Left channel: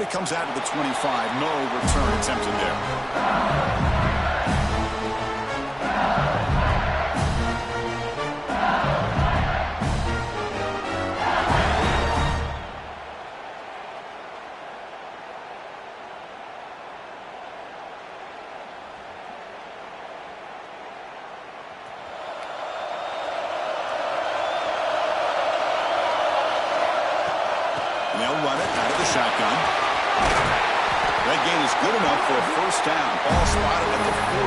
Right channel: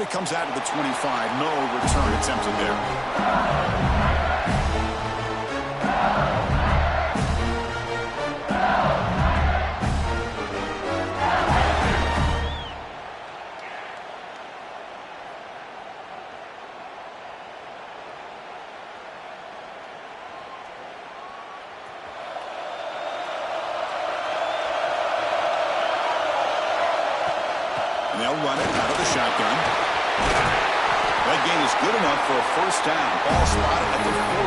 And it comes out to the 25. No return attempted there. They'll run it out of the shotgun. That gain is good enough for a first down. Ball spotted at the 42.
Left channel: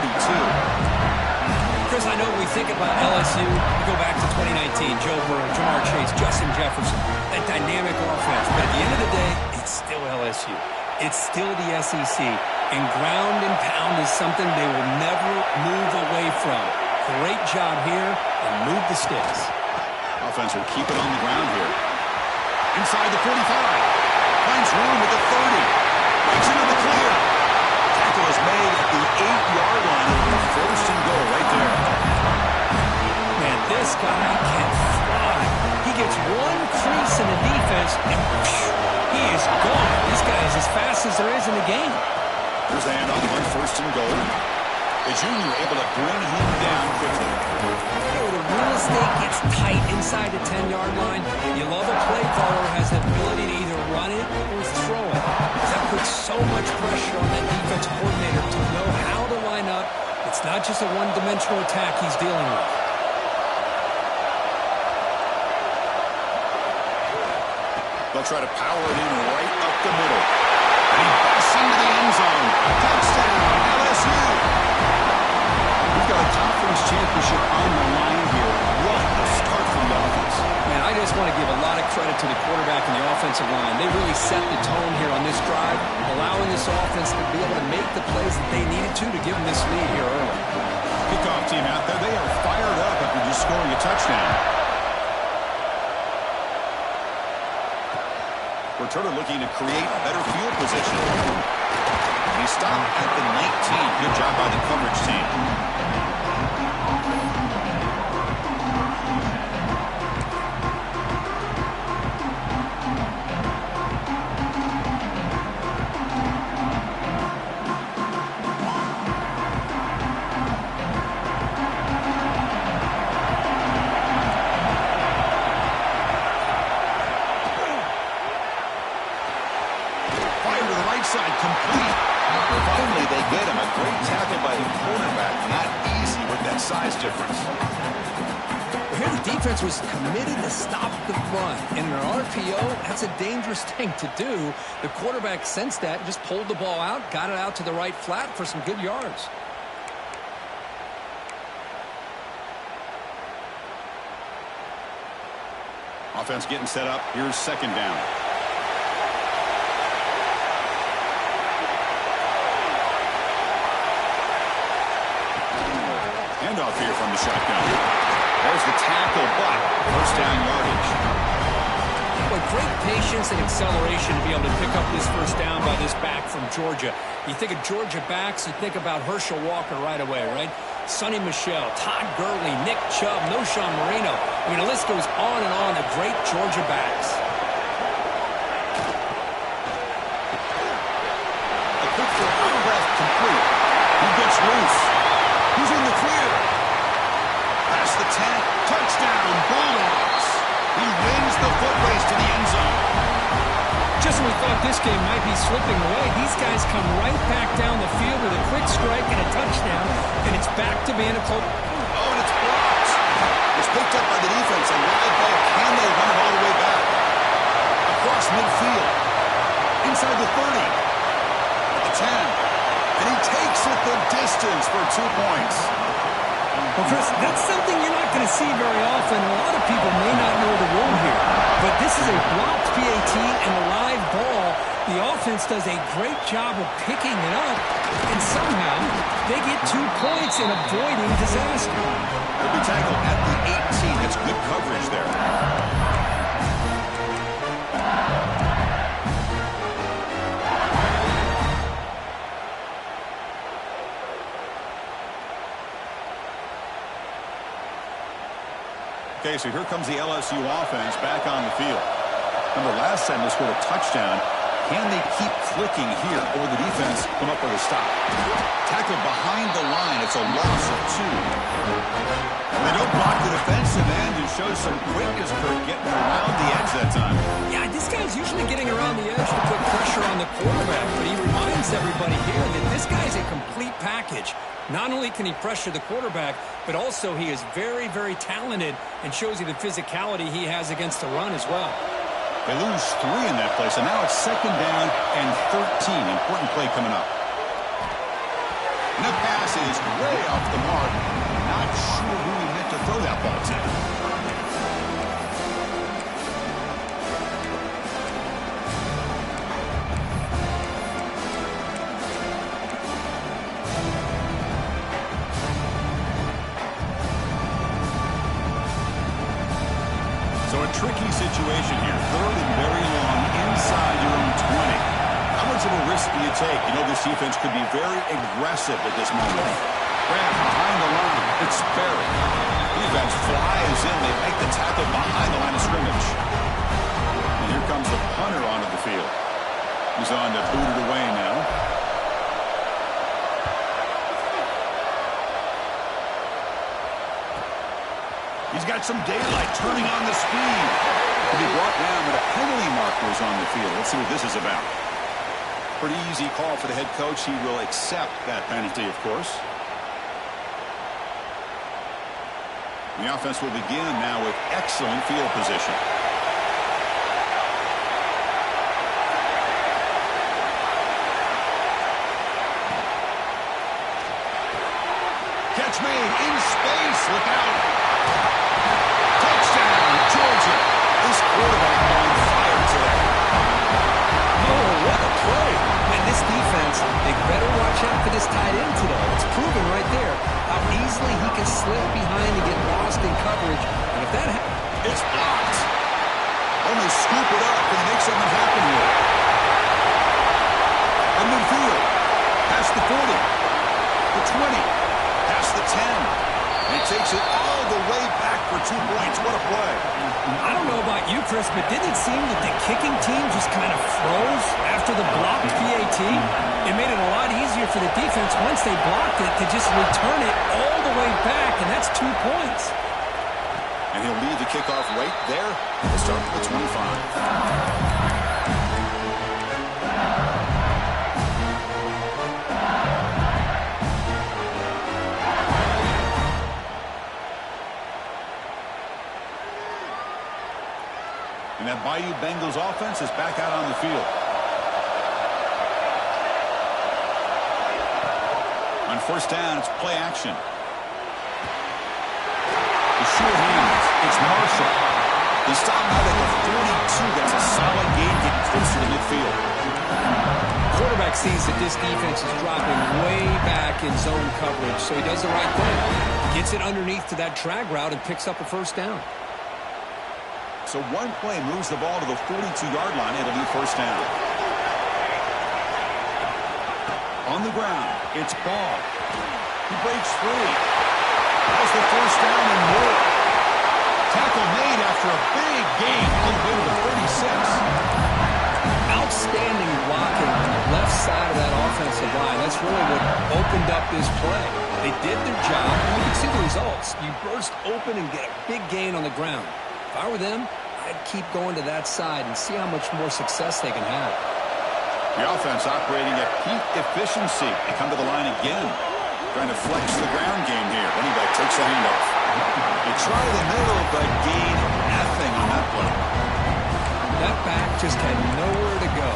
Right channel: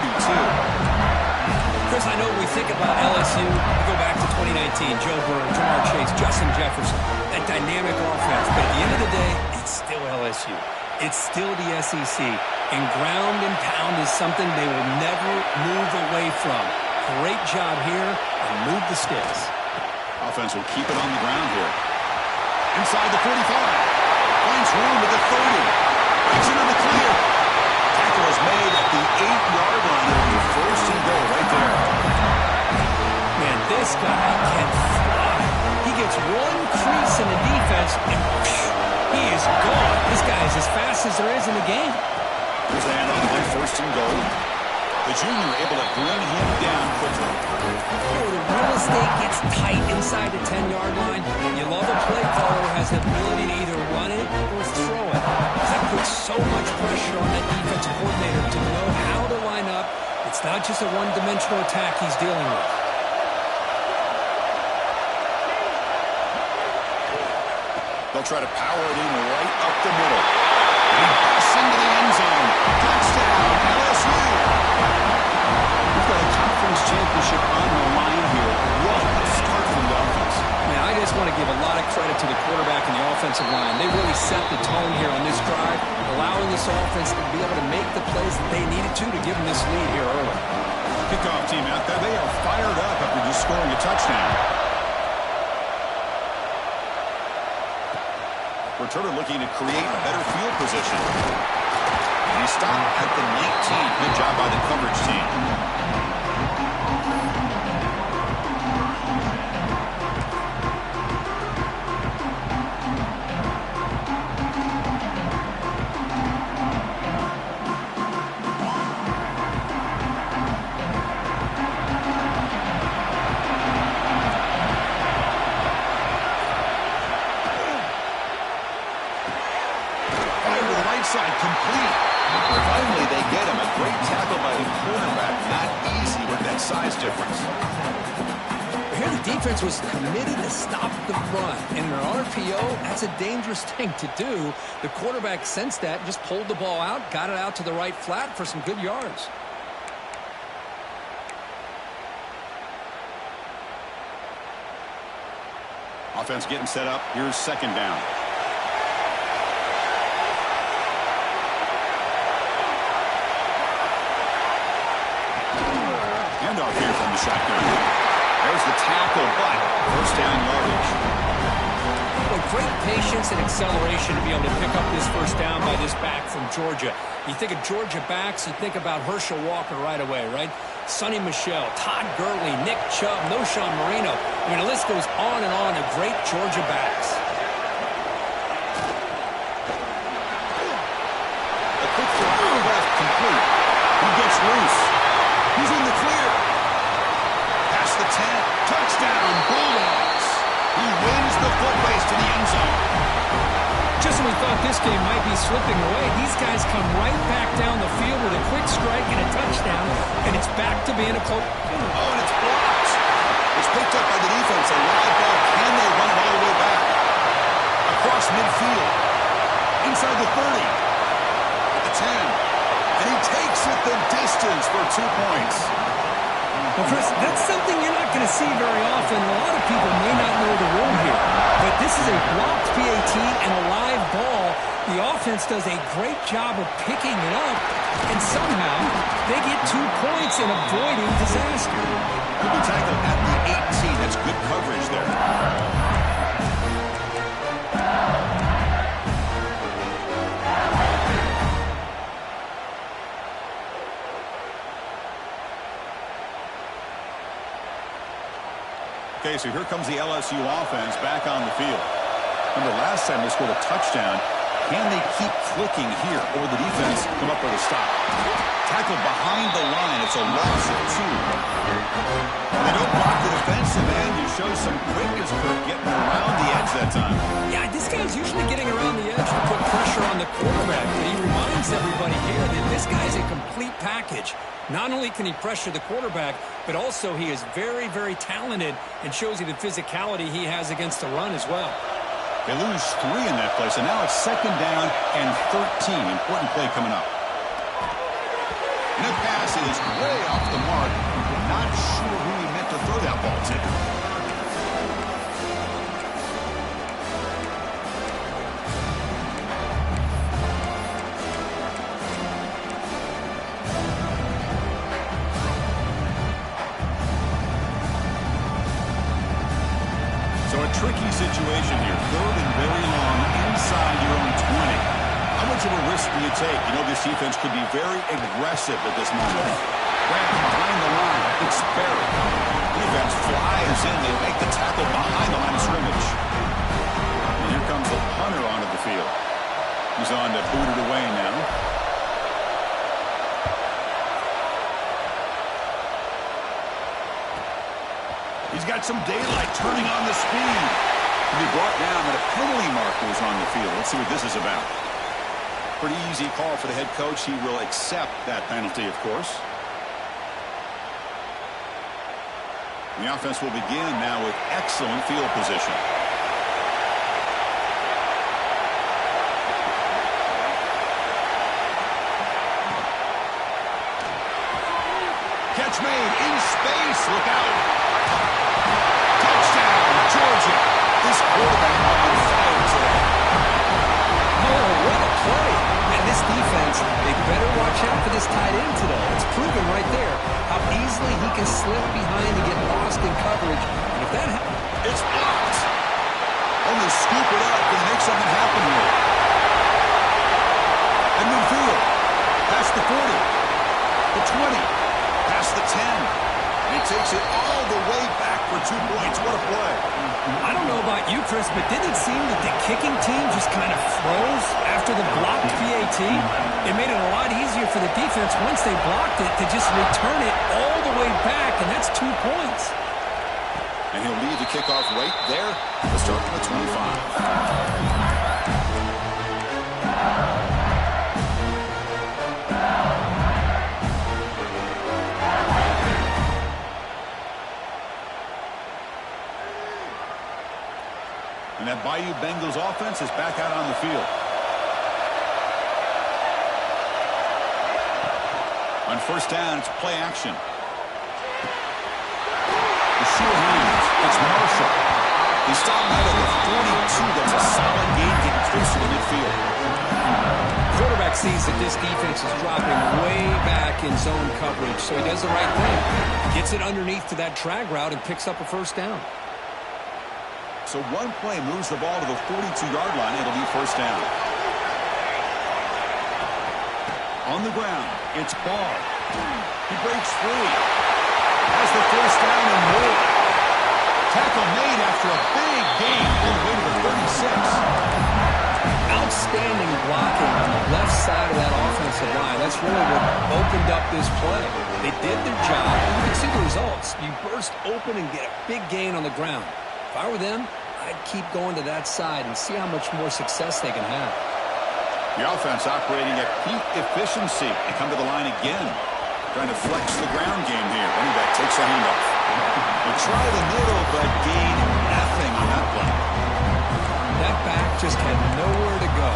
Chris, I know when we think about LSU, we go back to 2019, Joe Burrow, Jamar Chase, Justin Jefferson, that dynamic offense. But at the end of the day, it's still LSU. It's still the SEC. And ground and pound is something they will never move away from. Great job here, and move the sticks. Offense will keep it on the ground here. Inside the 45. Finds room at the 30. Breaks into the clear. Tackle is made at the 8-yard line. It'll be first and goal right there. Man, this guy can fly. He gets one crease in the defense, and he is gone. This guy is as fast as there is in the game. There's the handoff on first and goal. The junior able to bring him down quickly. The real estate gets tight inside the 10-yard line. You love a play caller who has the ability to either run it or throw it. That puts so much pressure on that defensive coordinator to know how to line up. It's not just a one-dimensional attack he's dealing with. They'll try to power it in right up the middle. And he busts into the end zone. Touchdown, LSU. We've got a conference championship on the line here. What a start for the offense. Man, I just want to give a lot of credit to the quarterback and the offensive line. They really set the tone here on this drive, allowing this offense to be able to make the plays that they needed to give them this lead here early. Kickoff team out there. They are fired up after just scoring a touchdown. Returner looking to create better field position. And he stopped at the 19. Good job by the coverage team. Side complete. Finally, they get him. A great tackle by the quarterback. Not easy with that size difference. Here the defense was committed to stop the run. In an RPO, that's a dangerous thing to do. The quarterback sensed that and just pulled the ball out, got it out to the right flat for some good yards. Offense getting set up. Here's second down. Handoff here from the shotgun. There's the tackle, but first down yardage. Boy, great patience and acceleration to be able to pick up this first down by this back from Georgia. You think of Georgia backs, you think about Herschel Walker right away, right? Sonny Michel, Todd Gurley, Nick Chubb, Noshawn Marino. I mean, the list goes on and on of great Georgia backs. A quick throw out left, complete. He gets loose. He's in the clear. Past the 10. Touchdown, Bulldogs. He wins the foot race to the end zone. Just when we thought this game might be slipping away, these guys come right back down the field with a quick strike and a touchdown, and it's back to being a close. Oh, and it's blocked. It's picked up by the defense. A live ball. Can they run it all the way back? Across midfield. Inside the 30. At the 10. And he takes it the distance for 2 points. Well, Chris, that's something you're not going to see very often. A lot of people may not know the rule here. But this is a blocked PAT and a live ball. The offense does a great job of picking it up. And somehow, they get 2 points in avoiding disaster. He'll be tackled at the 18. That's good coverage there. Okay, so here comes the LSU offense back on the field. Remember, last time they scored a touchdown, Can they keep clicking here, or the defense come up with a stop? Tackle behind the line. It's a loss of 2. And they don't block the defensive end. It shows some quickness for getting around the edge that time. Yeah, this guy's usually getting around the edge to put pressure on the quarterback, but he reminds everybody here that this guy's a complete package. Not only can he pressure the quarterback, but also he is very, very talented and shows you the physicality he has against the run as well. They lose 3 in that play, so now it's 2nd down and 13. Important play coming up. And that pass is way off the mark. Not sure who he meant to throw that ball to. So a tricky situation here. 3rd and very long inside your own 20. How much of a risk do you take? You know this defense could be very aggressive at this moment. Grant behind the line. It's Barry. Defense flies in. They make the tackle behind the line of scrimmage. And here comes the punter onto the field. He's on to boot it away now. He's got some daylight, turning on the speed. To be brought down, but a penalty marker is on the field. Let's see what this is about. Pretty easy call for the head coach. He will accept that penalty, of course. The offense will begin now with excellent field position. Catch made in space. Look out. Touchdown, Georgia. This quarterback on fire today. Oh, what a play. Man, this defense, they better watch out for this tight end today. It's proven right there how easily he can slip behind and get lost in coverage. And if that happens... It's blocked. Only scoop it up and make something happen here. At midfield. Past the 40. The 20. Past the 10. And he takes it all the way back for 2 points. What a play. I don't know about you, Chris, but didn't it seem that the kicking team just kind of froze after the blocked PAT? It made it a lot easier for the defense once they blocked it to just return it all the way back, and that's 2 points. And he'll leave the kickoff right there. We'll start from the 25. And that Bayou Bengals offense is back out on the field. On 1st down, it's play action. The sure hands. It's Marshall. He stopped out at the 42. That's a solid gain, getting closer to midfield. Quarterback sees that this defense is dropping way back in zone coverage, so he does the right thing. Gets it underneath to that drag route and picks up a 1st down. So one play moves the ball to the 42-yard line. It'll be 1st down. On the ground, it's Ball. He breaks free. Has the 1st down and more. Tackle made after a big gain all the way to the 36. Outstanding blocking on the left side of that offensive line. That's really what opened up this play. They did their job, and you can see the results. You burst open and get a big gain on the ground. If I were them, I'd keep going to that side and see how much more success they can have. The offense operating at peak efficiency. They come to the line again. Trying to flex the ground game here. Running back takes the handoff. They try the middle, but gain nothing on that play. That back just had nowhere to go.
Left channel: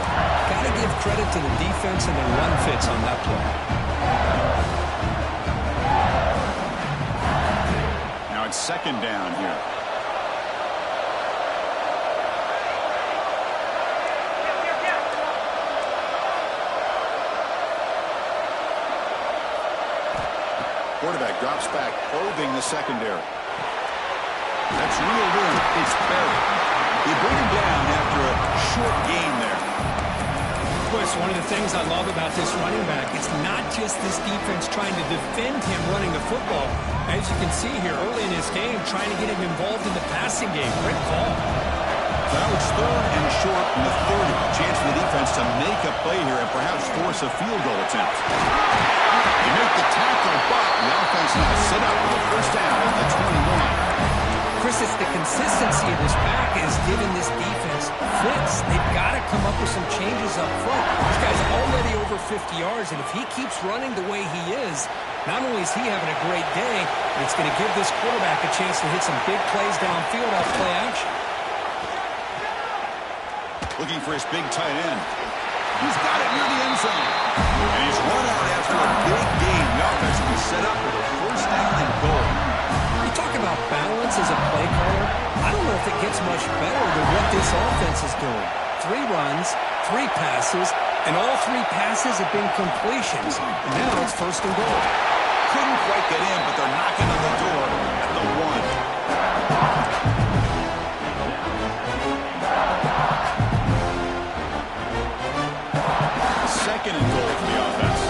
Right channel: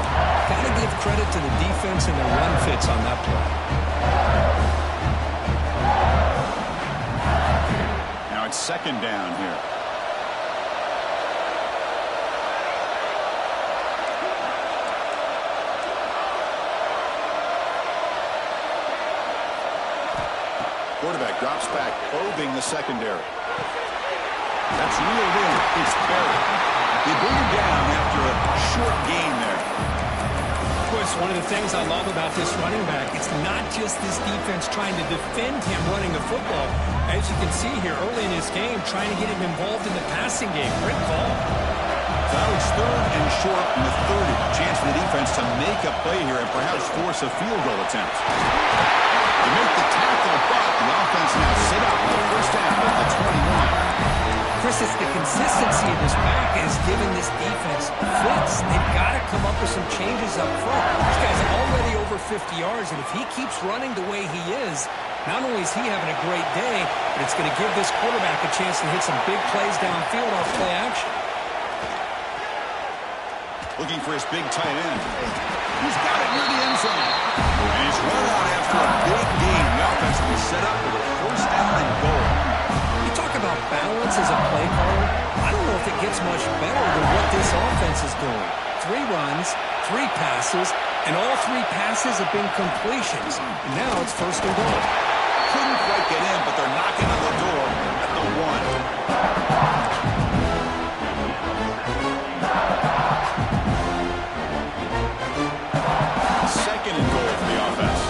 Got to give credit to the defense and their run fits on that play. Now it's 2nd down here. Quarterback drops back, probing the secondary. That's reeled in. It's Barry. They bring him down after a short gain there. Of course, one of the things I love about this running back, it's not just this defense trying to defend him running the football. As you can see here early in this game, trying to get him involved in the passing game. Great call. So now it's 3rd and short from the 30. Chance for the defense to make a play here and perhaps force a field goal attempt. They make the tackle, but the offense now set up with a first down at the 21. Chris, it's the consistency of this back is giving this defense fits. They've got to come up with some changes up front. This guy's already over 50 yards, and if he keeps running the way he is, not only is he having a great day, but it's going to give this quarterback a chance to hit some big plays downfield off play action. Looking for his big tight end. He's got it near the end zone. And he's run out after a big gain. The offense will be set up with a first down and goal. You talk about balance as a play caller. I don't know if it gets much better than what this offense is doing. 3 runs, 3 passes, and all 3 passes have been completions. And now it's first and goal. Couldn't quite get in, but they're knocking on the door at the 1. Second and goal for the offense.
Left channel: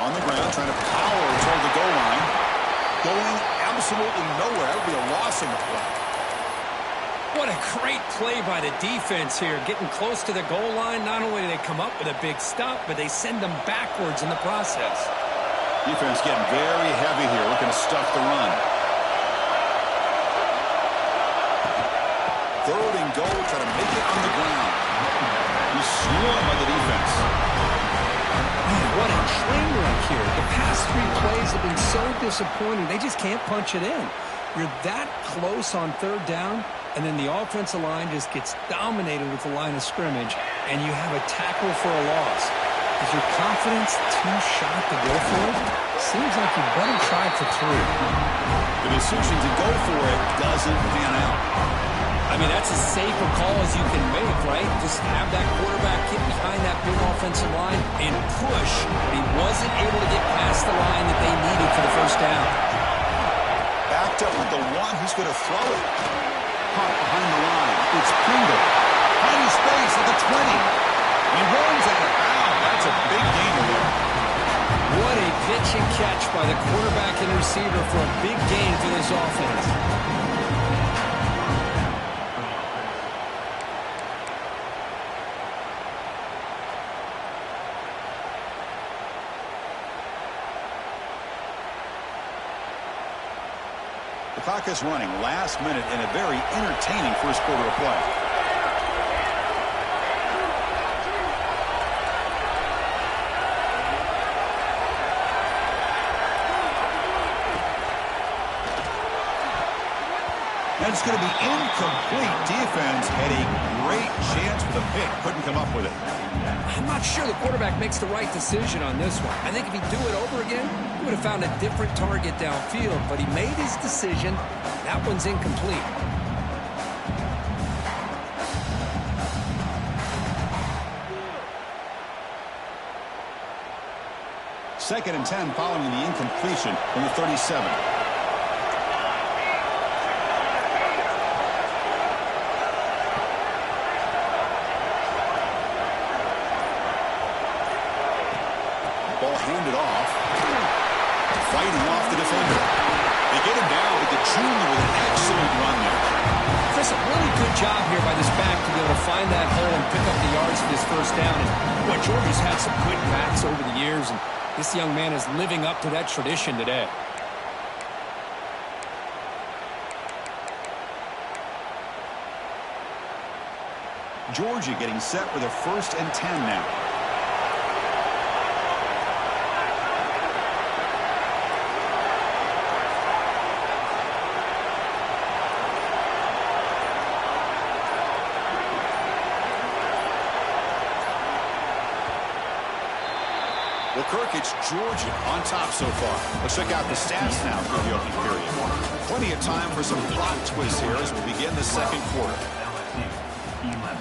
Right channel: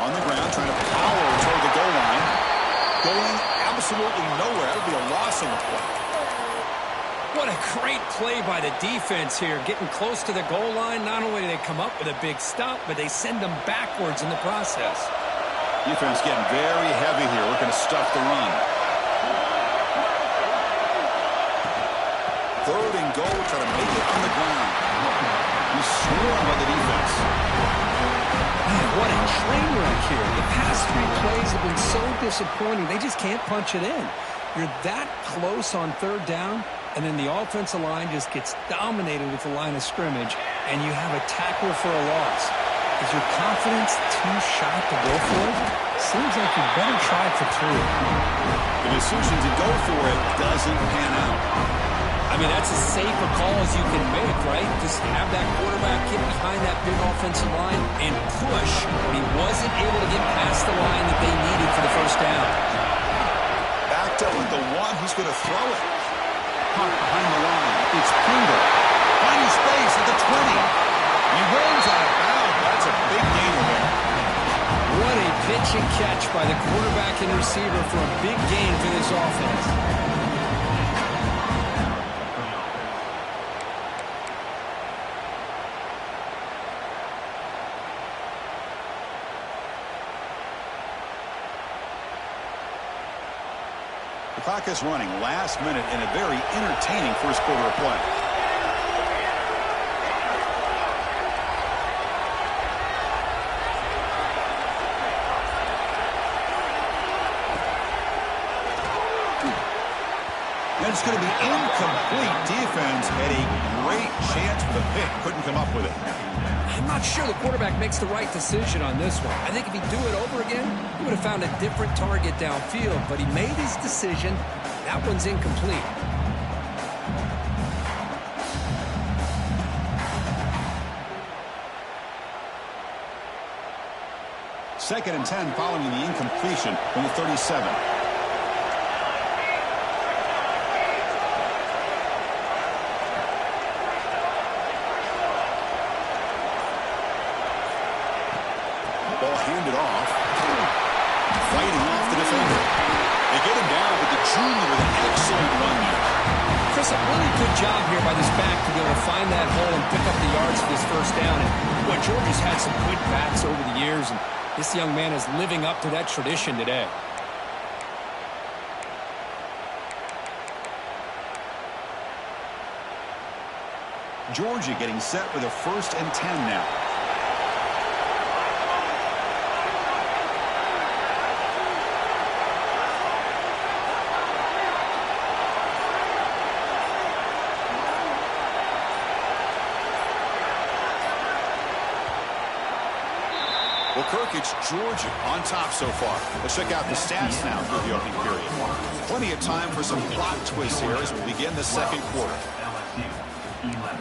On the ground, trying to power toward the goal line. Going absolutely nowhere. That would be a loss on the play. What a great play by the defense here. Getting close to the goal line, not only do they come up with a big stop, but they send them backwards in the process. Defense getting very heavy here, looking to stuff the run. 3rd and goal, try to make it on the ground. He's swarmed by the defense. Man, what a train wreck here. The past 3 plays have been so disappointing. They just can't punch it in. You're that close on 3rd down, and then the offensive line just gets dominated with the line of scrimmage, and you have a tackle for a loss. Is your confidence too shot to go for it? Seems like you better try for 3. The decision to go for it doesn't pan out. I mean, that's as safe a call as you can make, right? Just have that quarterback get behind that big offensive line and push, but he wasn't able to get past the line that they needed for the first down. Backed up with the 1, he's going to throw it. Caught behind the line. It's Pringle. Finding space at the 20. He runs out of bounds. That's a big gainer there. What a pitch and catch by the quarterback and receiver for a big gain for this offense. The clock is running last minute in a very entertaining first quarter of play. And it's going to be incomplete. Defense had a great chance for the pick. Couldn't come up with it. I'm not sure the quarterback makes the right decision on this one. I think if he'd do it over again, he would have found a different target downfield. But he made his decision. That one's incomplete. Second and 10 following the incompletion from the 37. Ball handed off. Fighting off the defender. They get him down, but the junior with an excellent run there. Chris, a really good job here by this back to be able to find that hole and pick up the yards for this first down. And what Georgia's had some good backs over the years, and this young man is living up to that tradition today. Georgia getting set with a first and 10 now. Well, Kirk, it's Georgia on top so far. Let's check out the stats now through the opening period. Plenty of time for some plot twists here as we begin the second quarter. LSU 11.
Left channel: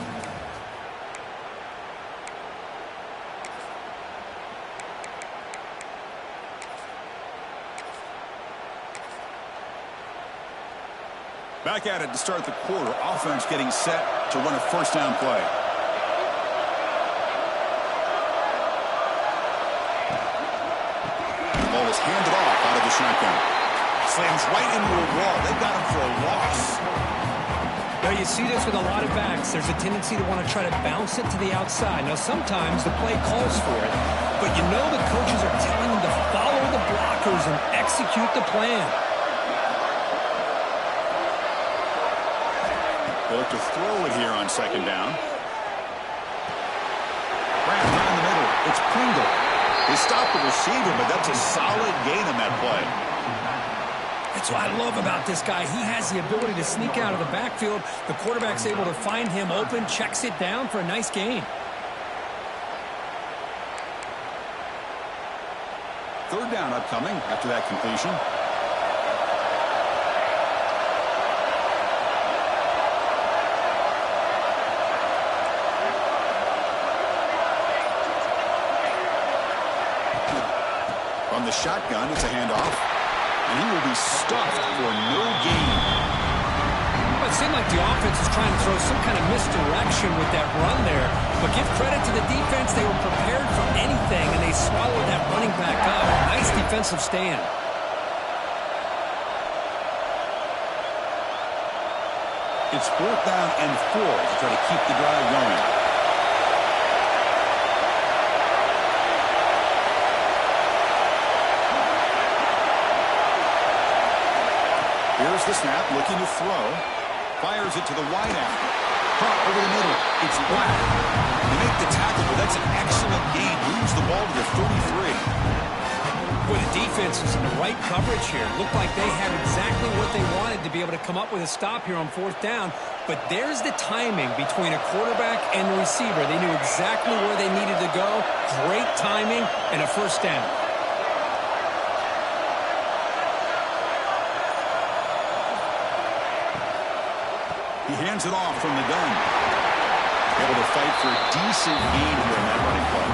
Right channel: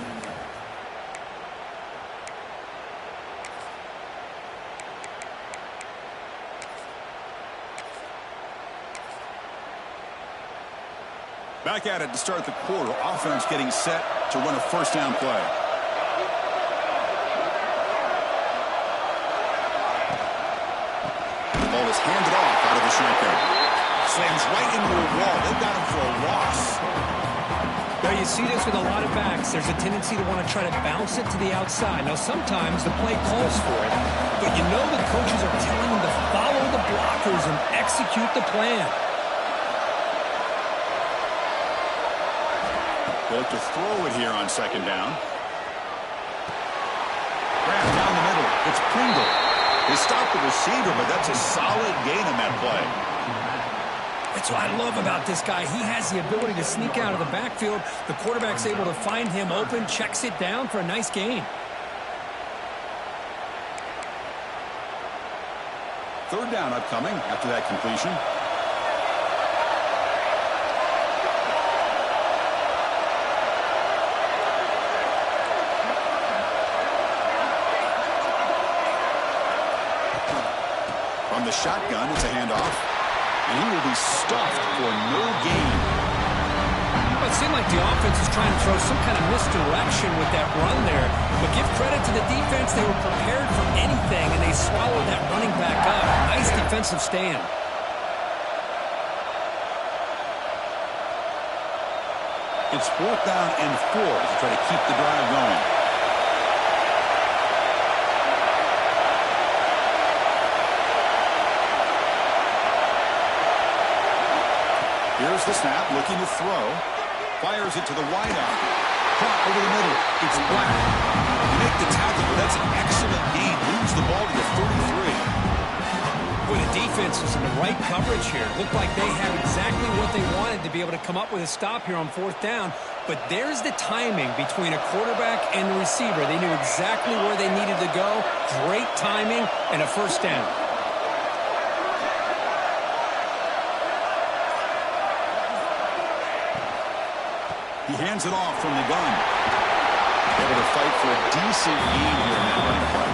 Back at it to start the quarter. Offense getting set to run a first down play. Ball is handed off out of the shotgun. Slams right into a wall. They've got him for a loss. Now, you see this with a lot of backs. There's a tendency to want to try to bounce it to the outside. Now, sometimes the play calls for it, but you know the coaches are telling them to follow the blockers and execute the plan. They look to throw it here on second down. Grab down the middle. It's Pringle. They stopped the receiver, but that's a solid gain on that play. That's what I love about this guy. He has the ability to sneak out of the backfield. The quarterback's able to find him open, checks it down for a nice gain. Third down upcoming after that completion. From the shotgun, it's a handoff. And he will be stuffed for no gain. Well, it seemed like the offense is trying to throw some kind of misdirection with that run there. But give credit to the defense. They were prepared for anything, and they swallowed that running back up. Nice defensive stand. It's 4th down and 4 to try to keep the drive going. Here's the snap, looking to throw. Fires it to the wideout. Caught over the middle. It's Black. They make the tackle, but that's an excellent gain. Moves the ball to the 33. Boy, the defense is in the right coverage here. Looked like they had exactly what they wanted to be able to come up with a stop here on 4th down. But there's the timing between a quarterback and the receiver. They knew exactly where they needed to go. Great timing and a first down. He hands it off from the gun. Able to fight for a decent gain here in that running play.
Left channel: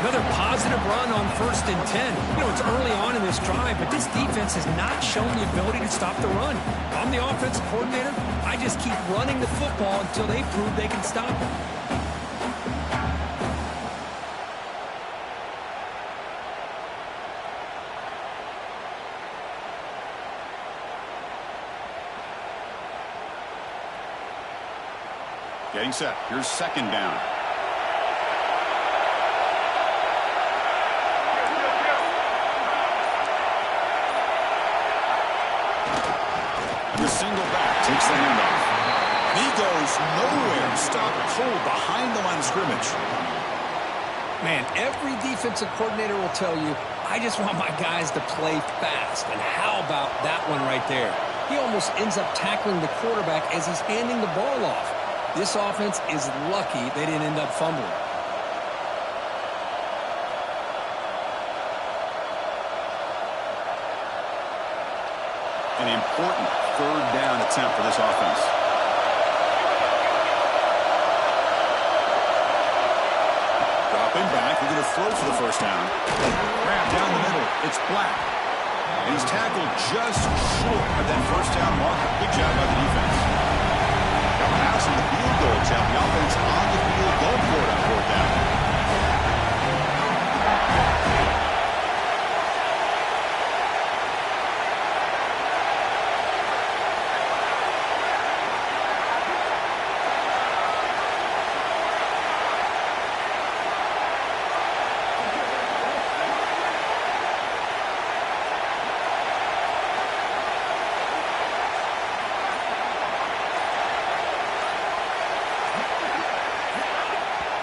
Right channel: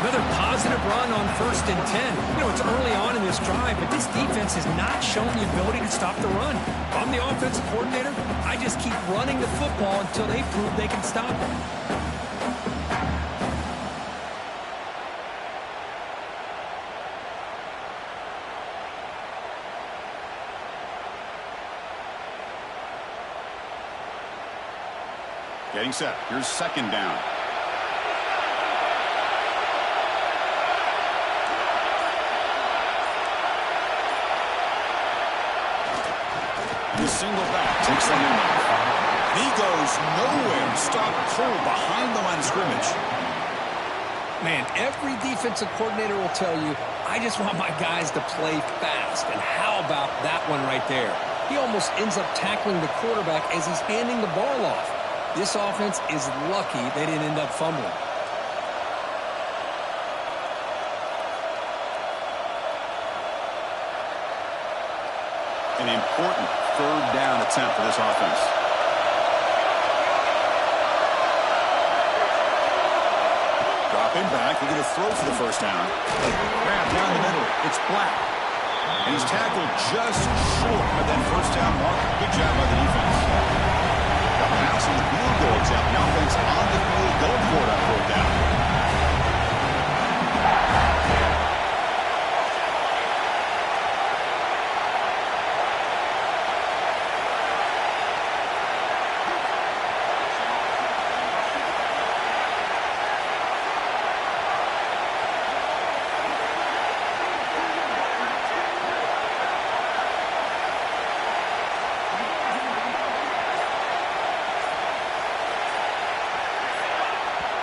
Another positive run on 1st and 10. You know, it's early on in this drive, but this defense has not shown the ability to stop the run. If I'm the offensive coordinator, I just keep running the football until they prove they can stop it. Getting set. Here's 2nd down. And the single back takes the handoff. He goes nowhere. Stopped cold behind the line of scrimmage. Man, every defensive coordinator will tell you, I just want my guys to play fast. And how about that one right there? He almost ends up tackling the quarterback as he's handing the ball off. This offense is lucky they didn't end up fumbling. An important 3rd down attempt for this offense. Dropping back, they're going to throw for the first down. Grab down the middle. It's Black. And he's tackled just short of that first down marker. Good job by the defense. Got a pass on the field goal attempt. The offense on the field going for it on 4th down.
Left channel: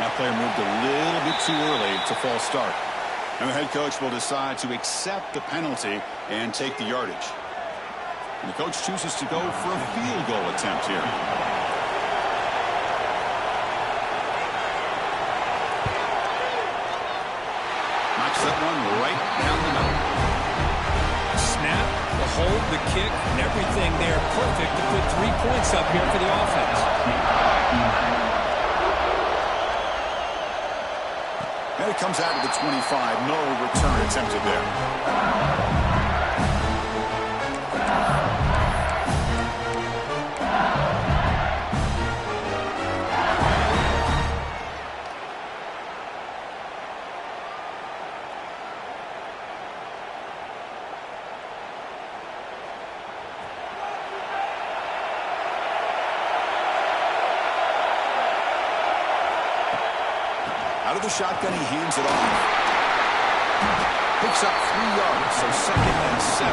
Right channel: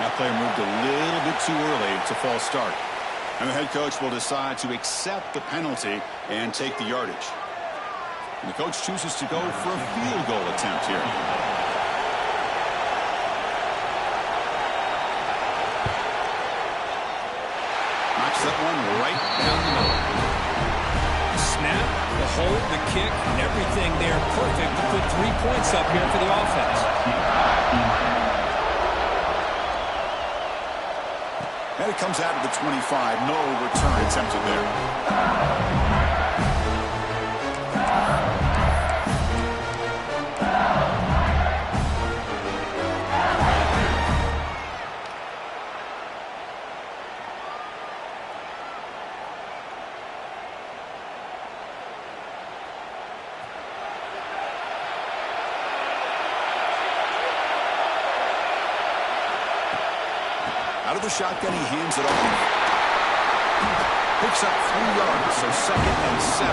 That player moved a little bit too early. It's a false start. And the head coach will decide to accept the penalty and take the yardage. And the coach chooses to go for a field goal attempt here. Knocks that one right down the middle. Snap, the hold, the kick, and everything there perfect to put 3 points up here for the offense. And it comes out of the 25. No return attempted there. Out of the shotgun, he hands it off. Picks up 3 yards, so 2nd and 7.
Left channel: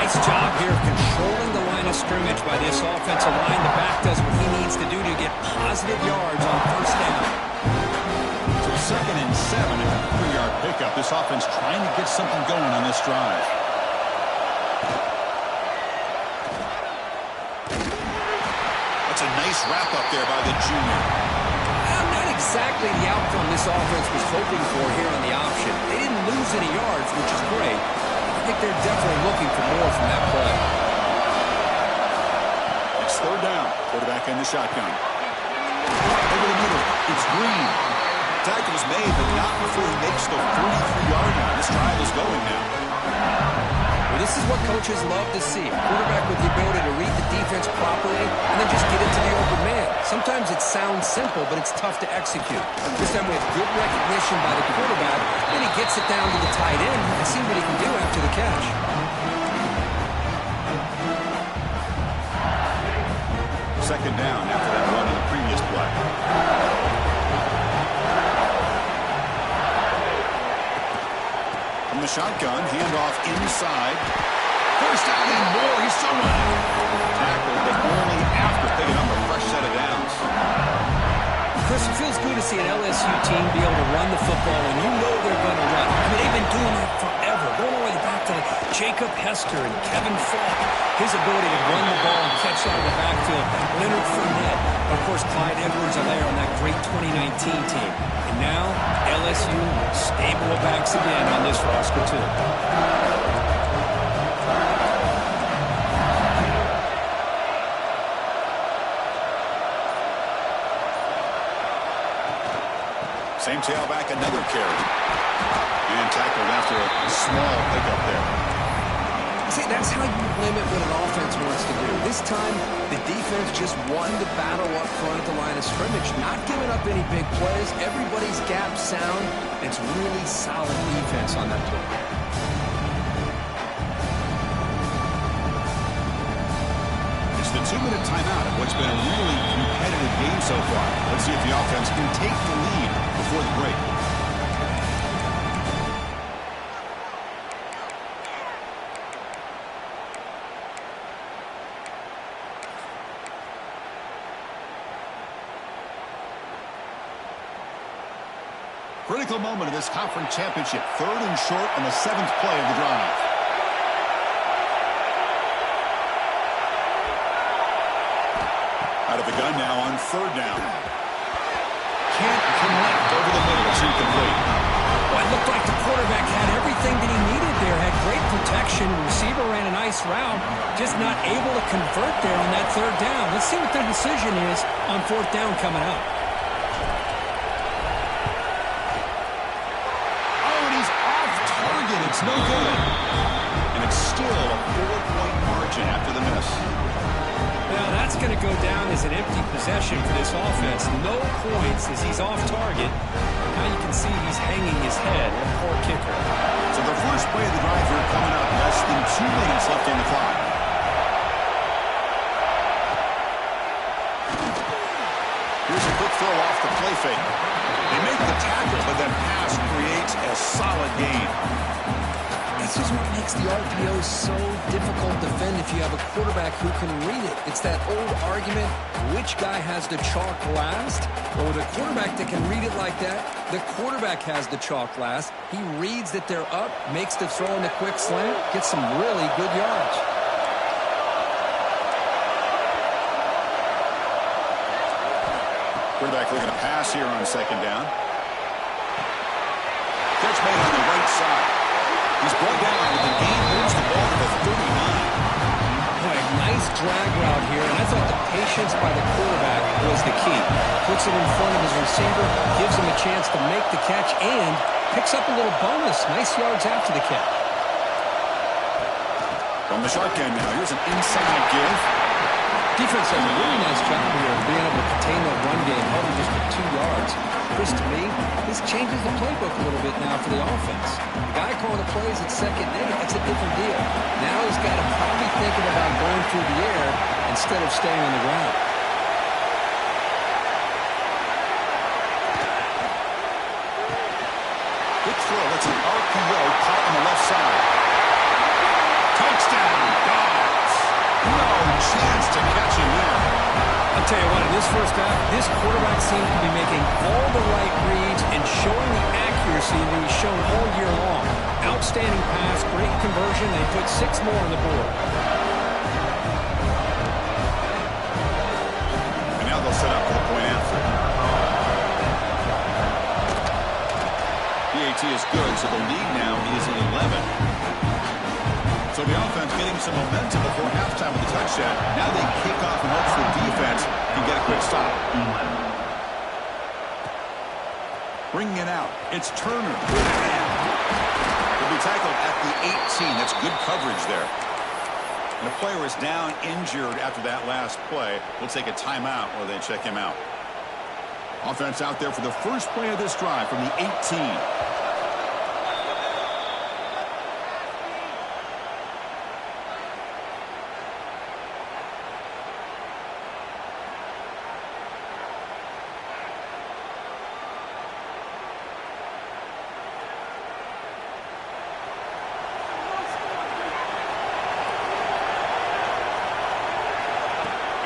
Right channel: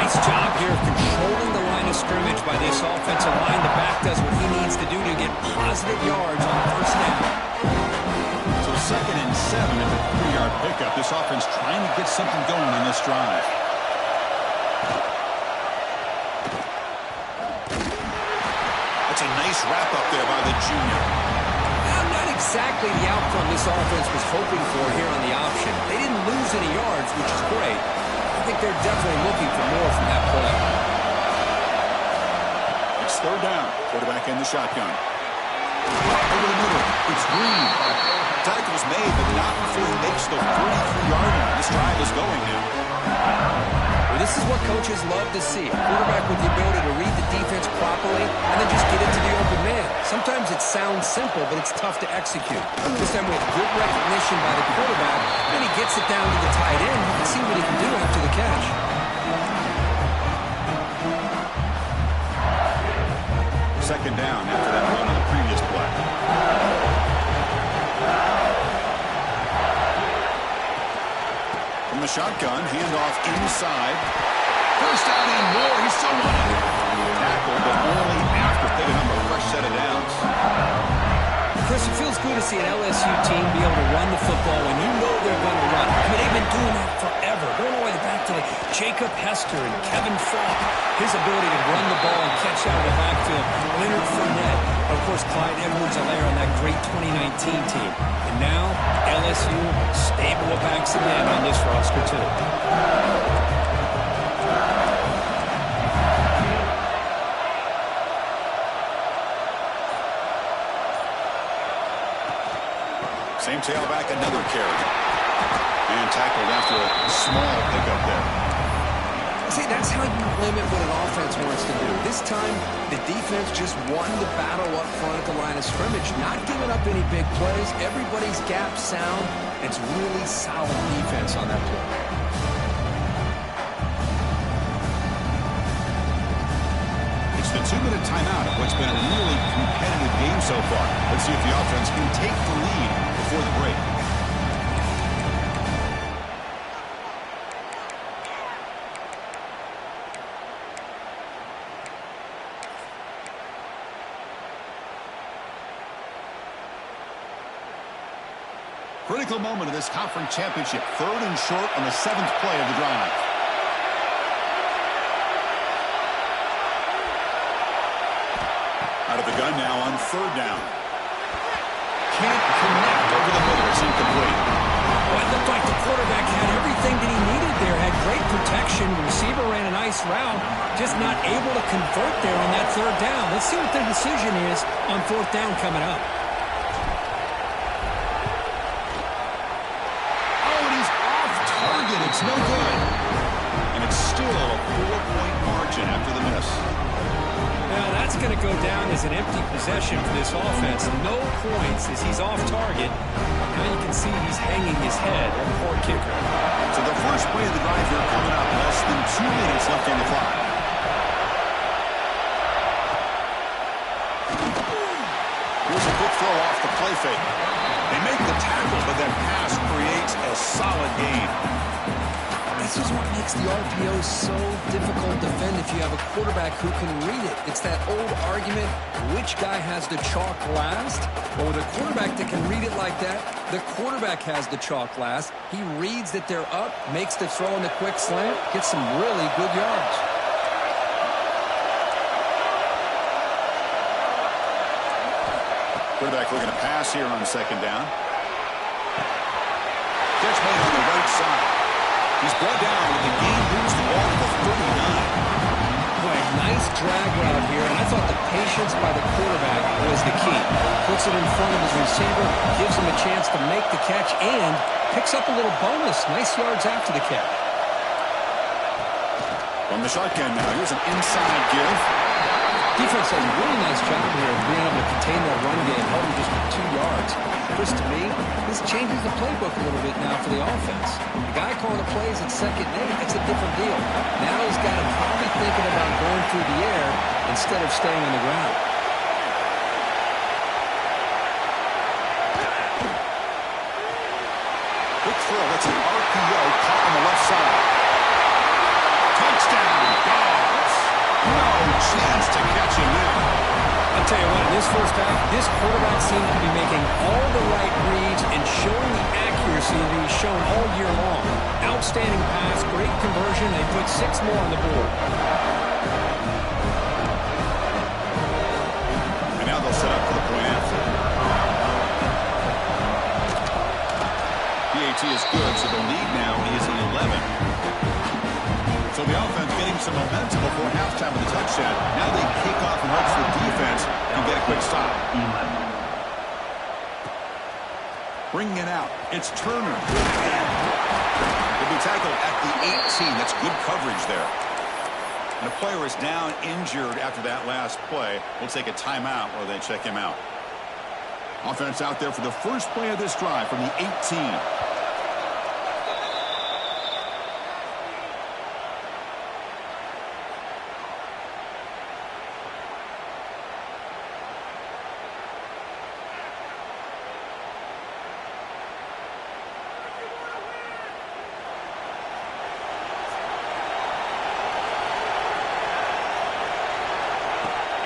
Nice job here of controlling the line of scrimmage by this offensive line. The back does what he needs to do to get positive yards on 1st down. So 2nd and 7 at the 3-yard pickup. This offense trying to get something going on this drive. That's a nice wrap-up there by the junior. Well, not exactly the outcome this offense was hoping for here on the option. They didn't lose any yards, which is great. I think they're definitely looking for more from that play. It's 3rd down. Quarterback in the shotgun. Over the middle, it's Green. Tackle's made, but not before he makes the 43-yard line. This drive is going now. Well, this is what coaches love to see. A quarterback with the ability to read the defense properly and then just get it to the open man. Sometimes it sounds simple, but it's tough to execute. This time we have good recognition by the quarterback, and he gets it down to the tight end. You can see what he can do after the catch. Second down after that run on the previous play. From the shotgun, handoff inside. 1st down and more. He's still running. Tackled, but only after picking up a fresh set of downs. Chris, it feels good to see an LSU team be able to run the football when you know they're going to run. I mean, they've been doing that forever. Going all the way back to Jacob Hester and Kevin Falk. His ability to run the ball and catch out of the backfield. Leonard Fournette. Of course, Clyde Edwards-Helaire on that great 2019 team. And now, LSU stable of backs again on this roster, too. Same tailback, another carry. And tackled after a small pickup there. See, that's how you limit what an offense wants to do. This time, the defense just won the battle up front at the line of scrimmage, not giving up any big plays. Everybody's gap sound. It's really solid defense on that play. It's the 2-minute timeout of what's been a really competitive game so far. Let's see if the offense can take the lead before the break. Critical moment of this conference championship. 3rd and short on the 7th play of the drive. Out of the gun now on 3rd down. Can't connect over the middle. It's incomplete. Well, it looked like the quarterback had everything that he needed there. Had great protection. The receiver ran a nice route. Just not able to convert there on that 3rd down. Let's see what their decision is on 4th down coming up. It's no good. And it's still a 4-point margin after the miss. Now that's going to go down as an empty possession for this offense. No points as he's off target. Now you can see he's hanging his head. A poor kicker. So the first play of the drive here coming up. Less than 2 minutes left on the clock. Here's a quick throw off the play fake. They make the tackle, but that pass creates a solid gain. This is what makes the RPO so difficult to defend if you have a quarterback who can read it. It's that old argument, which guy has the chalk last? Well, with a quarterback that can read it like that, the quarterback has the chalk last. He reads that they're up, makes the throw in the quick slant, gets some really good yards. Quarterback looking to pass here on 2nd down. Catch made on the right side. He's brought down, but the game moves the ball to the 39. Boy, nice drag route here, and I thought the patience by the quarterback was the key. Puts it in front of his receiver, gives him a chance to make the catch, and picks up a little bonus. Nice yards after the catch. From the shotgun now, here's an inside give. Defense does a really nice job here of being able to contain that run game, held him just for 2 yards. Chris, to me, this changes the playbook a little bit now for the offense. The guy calling the plays at 2nd and 8, that's a different deal. Now he's got to probably thinking about going through the air instead of staying on the ground. throw. That's an RPO caught on the left side. Touchdown, Dogs. No chance to catch him there. I'll tell you what, in this first half, this quarterback seems to be making all the right reads and showing the accuracy that he's shown all year long. Outstanding pass, great conversion. They put 6 more on the board. And now they'll set up for the point after. PAT is good, so the lead now is 11. So the offense getting some momentum before halftime with the touchdown. Now they kick off in hopes the defense can get a quick stop. Bringing it out. It's Turner. He'll be tackled at the 18. That's good coverage there. And the player is down injured after that last play. We'll take a timeout while they check him out. Offense out there for the first play of this drive from the 18.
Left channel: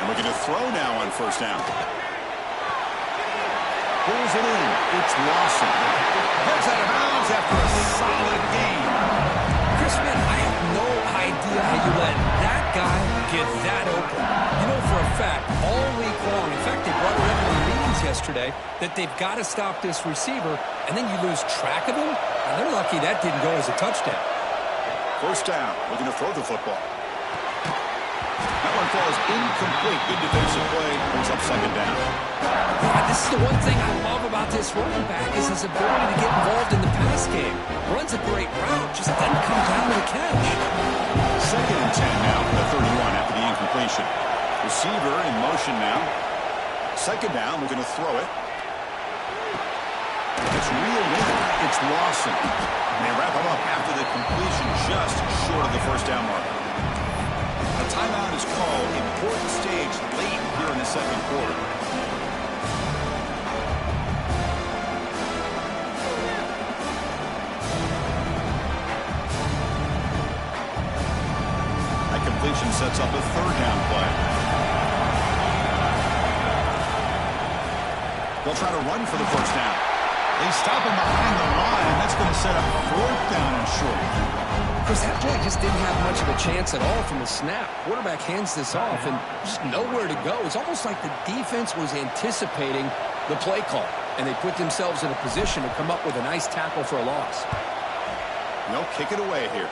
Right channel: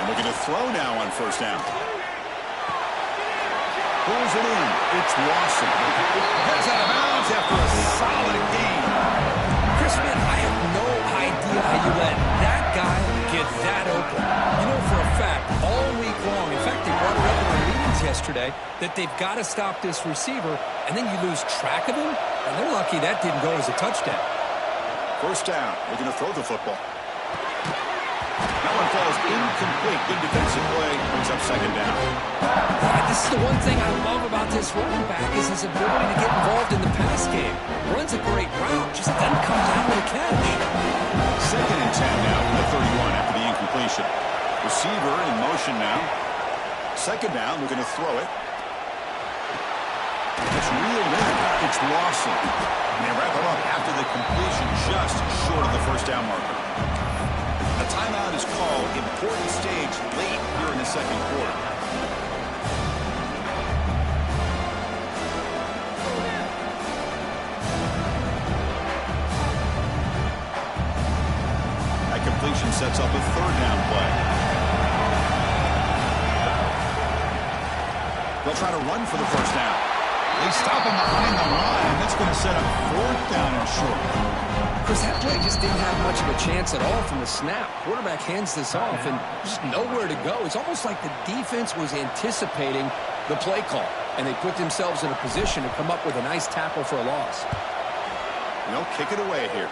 Looking to throw now on first down. Pulls it in. It's Lawson. Heads out of bounds after a solid gain. Chris, man, I have no idea how you let that guy get that open. You know for a fact, all week long, in fact, they brought it up in our meetings yesterday, that they've got to stop this receiver, and then you lose track of him, and they're lucky that didn't go as a touchdown. First down. Looking to throw the football. That one falls incomplete. Good defensive play. Brings up second down. Yeah, this is the one thing I love about this running back is his ability to get involved in the pass game. Runs a great route, just doesn't come down with a catch. Second and 10 now from the 31 after the incompletion. Receiver in motion now. Second down, looking to throw it. It's reeled in. It's Lawson. And they wrap him up after the completion just short of the first down marker. A timeout is called. Important stage late here in the second quarter. That completion sets up a third down play. They'll try to run for the first down. They stop him behind the line. That's going to set up fourth down and short. Chris, that play just didn't have much of a chance at all from the snap. Quarterback hands this off and just nowhere to go. It's almost like the defense was anticipating the play call, and they put themselves in a position to come up with a nice tackle for a loss. They'll kick it away here.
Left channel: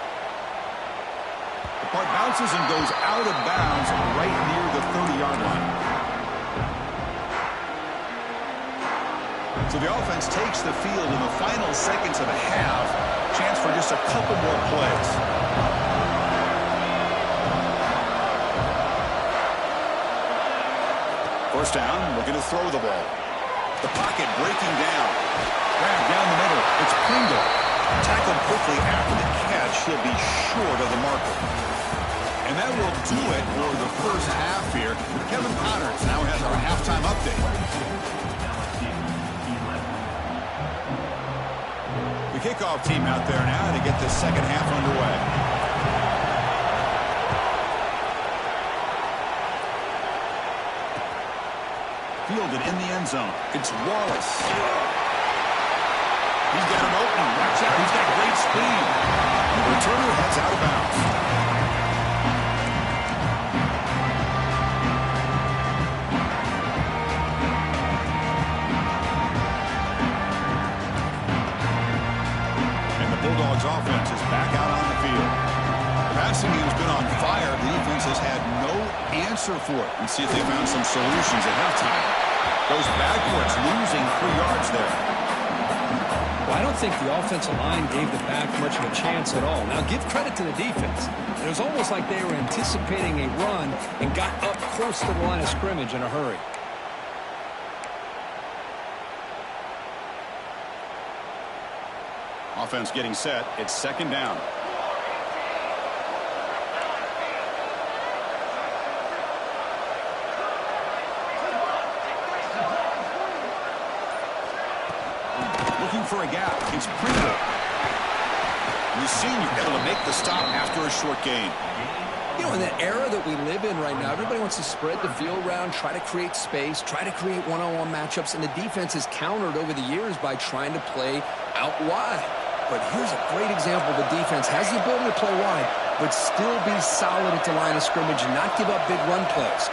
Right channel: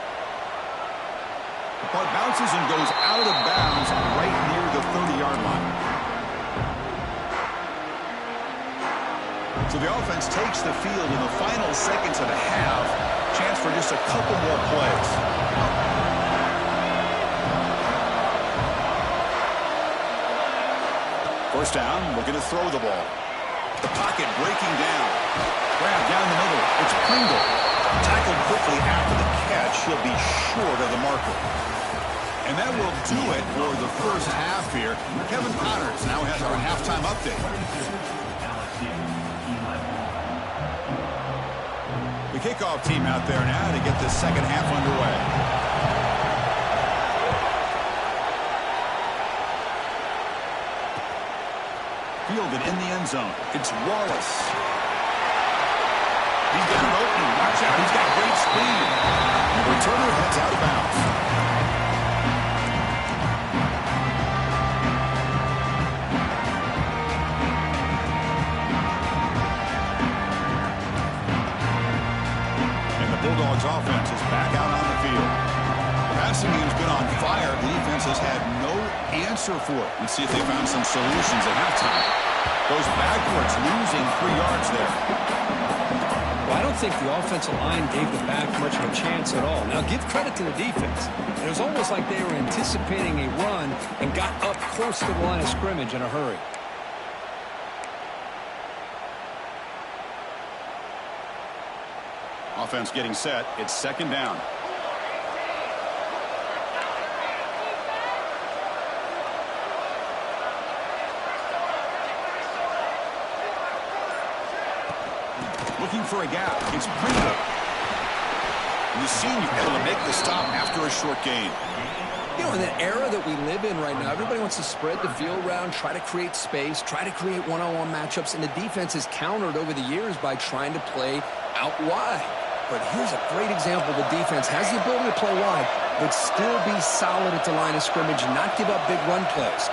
The punt bounces and goes out of bounds right near the 30-yard line. So the offense takes the field in the final seconds of the half. Chance for just a couple more plays. First down, looking to throw the ball. The pocket breaking down. Grab down the middle. It's Pringle. Tackled quickly after the catch. He'll be short of the marker. And that will do it for the first half here. Kevin Connors now has our halftime update. The kickoff team out there now to get the second half underway. Fielded in the end zone. It's Wallace. He's got an opening. Watch out. He's got great speed. The returner heads out of bounds. Bulldogs offense is back out on the field. The passing game's been on fire. The defense has had no answer for it. Let's see if they found some solutions at halftime. Goes backwards, losing 3 yards there. Well, I don't think the offensive line gave the back much of a chance at all. Now, give credit to the defense. It was almost like they were anticipating a run and got up close to the line of scrimmage in a hurry. Offense getting set. It's second down. Looking for a gap. It's Pringle. We've seen you able to make the stop after a short gain. You know, in the era that we live in right now, everybody wants to spread the field around, try to create space, try to create one-on-one matchups, and the defense has countered over the years by trying to play out wide. But here's a great example. The defense has the ability to play wide, but still be solid at the line of scrimmage and not give up big run plays.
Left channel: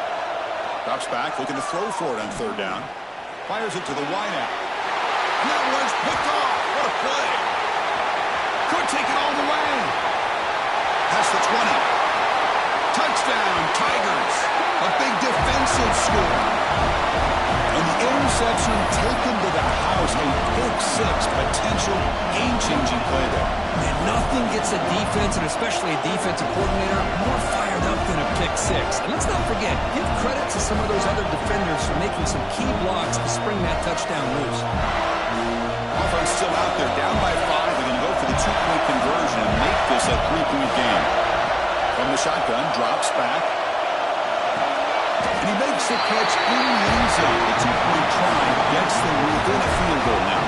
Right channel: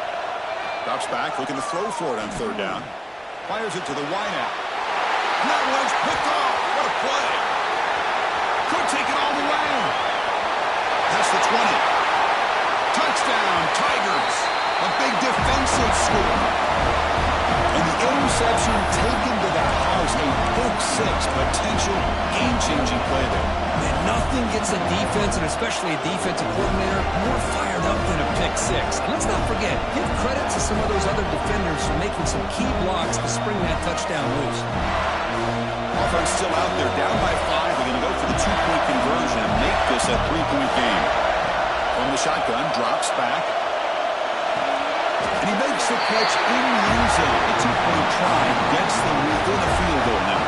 Drops back, looking to throw for it on third down. Fires it to the wideout. And that one's picked off. What a play. Could take it all the way. Past the 20. Touchdown, Tigers. A big defensive score. And the interception taken to the house. A pick-6 potential game-changing play there. Man, nothing gets a defense, and especially a defensive coordinator, more fired up than a pick-6. And let's not forget, give credit to some of those other defenders for making some key blocks to spring that touchdown loose. Offense still out there, down by 5. They're going to go for the 2-point conversion and make this a 3-point game. From the shotgun, drops back. And he makes the catch in the end zone. The 2-point try gets them within a field goal now.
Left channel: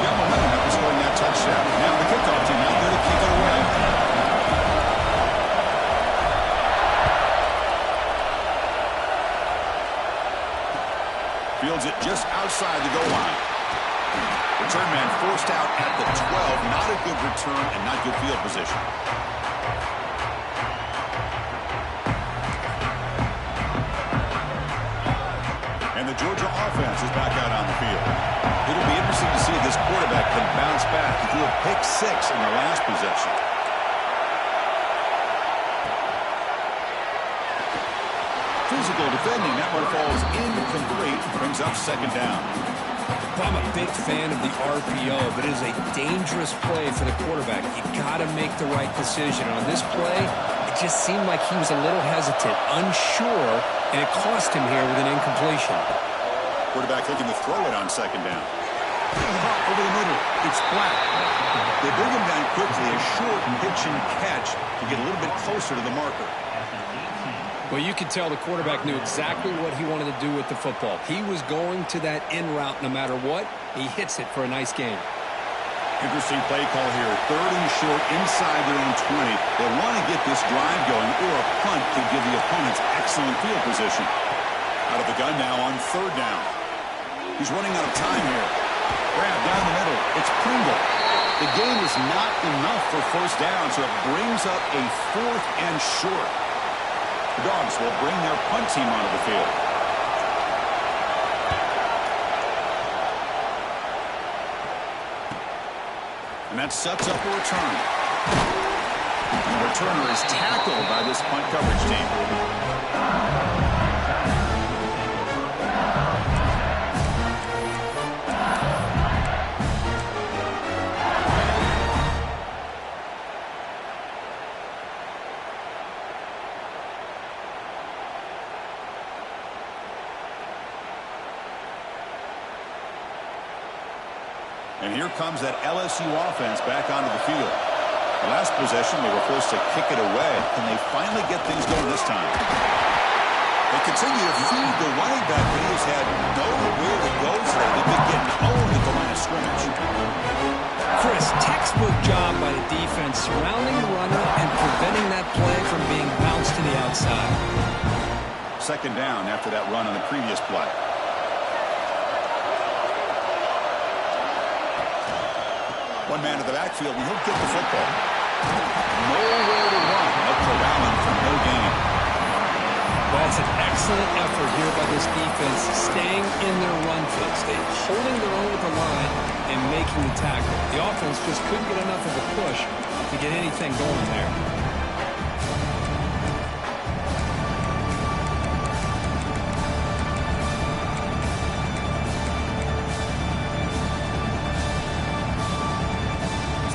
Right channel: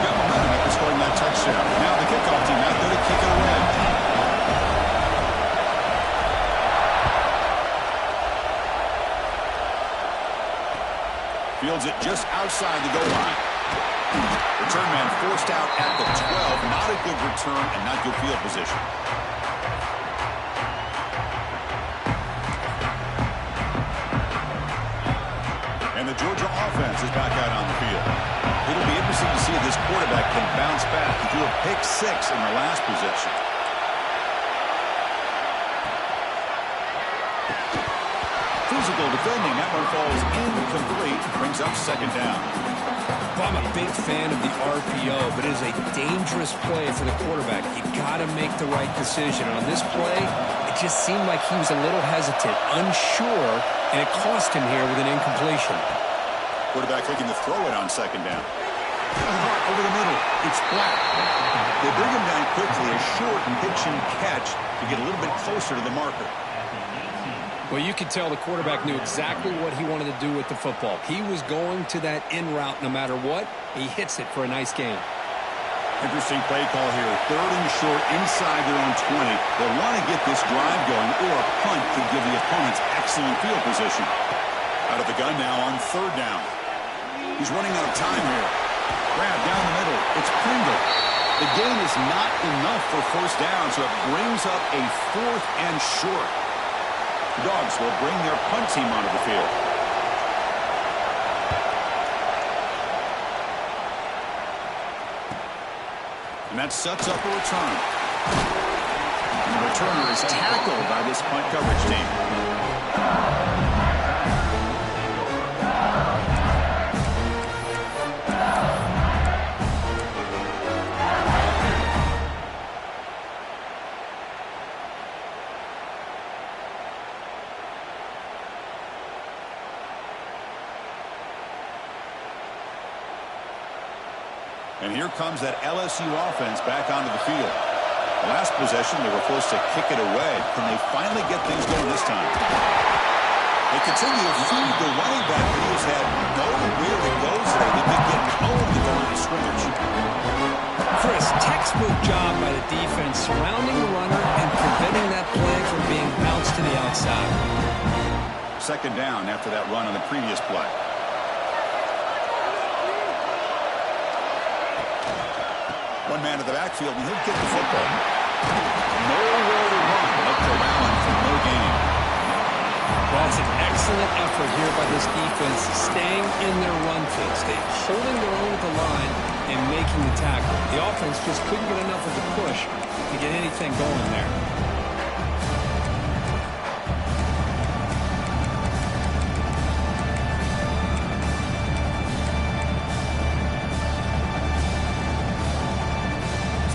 Got momentum after scoring that touchdown. Now the kickoff team out there to kick it away. Fields it just outside the goal line. Return man forced out at the 12. Not a good return and not good field position. And the Georgia offense is back out on the field. It'll be interesting to see if this quarterback can bounce back. He threw a pick-6 in the last possession. Physical defending. That one falls incomplete. Brings up second down. Well, I'm a big fan of the RPO, but it is a dangerous play for the quarterback. You got to make the right decision. On this play, it just seemed like he was a little hesitant, unsure, and it cost him here with an incompletion. Quarterback looking to throw it on second down. Over the middle. It's Black. They bring him down quickly. A short pitch and catch to get a little bit closer to the marker. Well, you could tell the quarterback knew exactly what he wanted to do with the football. He was going to that in route no matter what. He hits it for a nice gain. Interesting play call here. Third and short inside their own 20. They want to get this drive going, or a punt could give the opponents excellent field position. Out of the gun now on third down. He's running out of time here. Grab down the middle. It's Pringle. The gain is not enough for first down, so it brings up a 4th and short. The Dogs will bring their punt team onto the field. And that sets up a return. The returner is tackled by this punt coverage team. And here comes that LSU offense back onto the field. The last possession, they were forced to kick it away. Can they finally get things going this time? They continue to feed the running back, but he has had nowhere to go today. They've been getting owned at the line of scrimmage. Chris, textbook job by the defense surrounding the runner and preventing that play from being bounced to the outside. Second down after that run on the previous play. One man to the backfield, and he'll get the football. Nowhere to run. They'll corral him for no gain. Well, it's an excellent effort here by this defense, staying in their run fits. They're holding their own at the line and making the tackle. The offense just couldn't get enough of a push to get anything going there.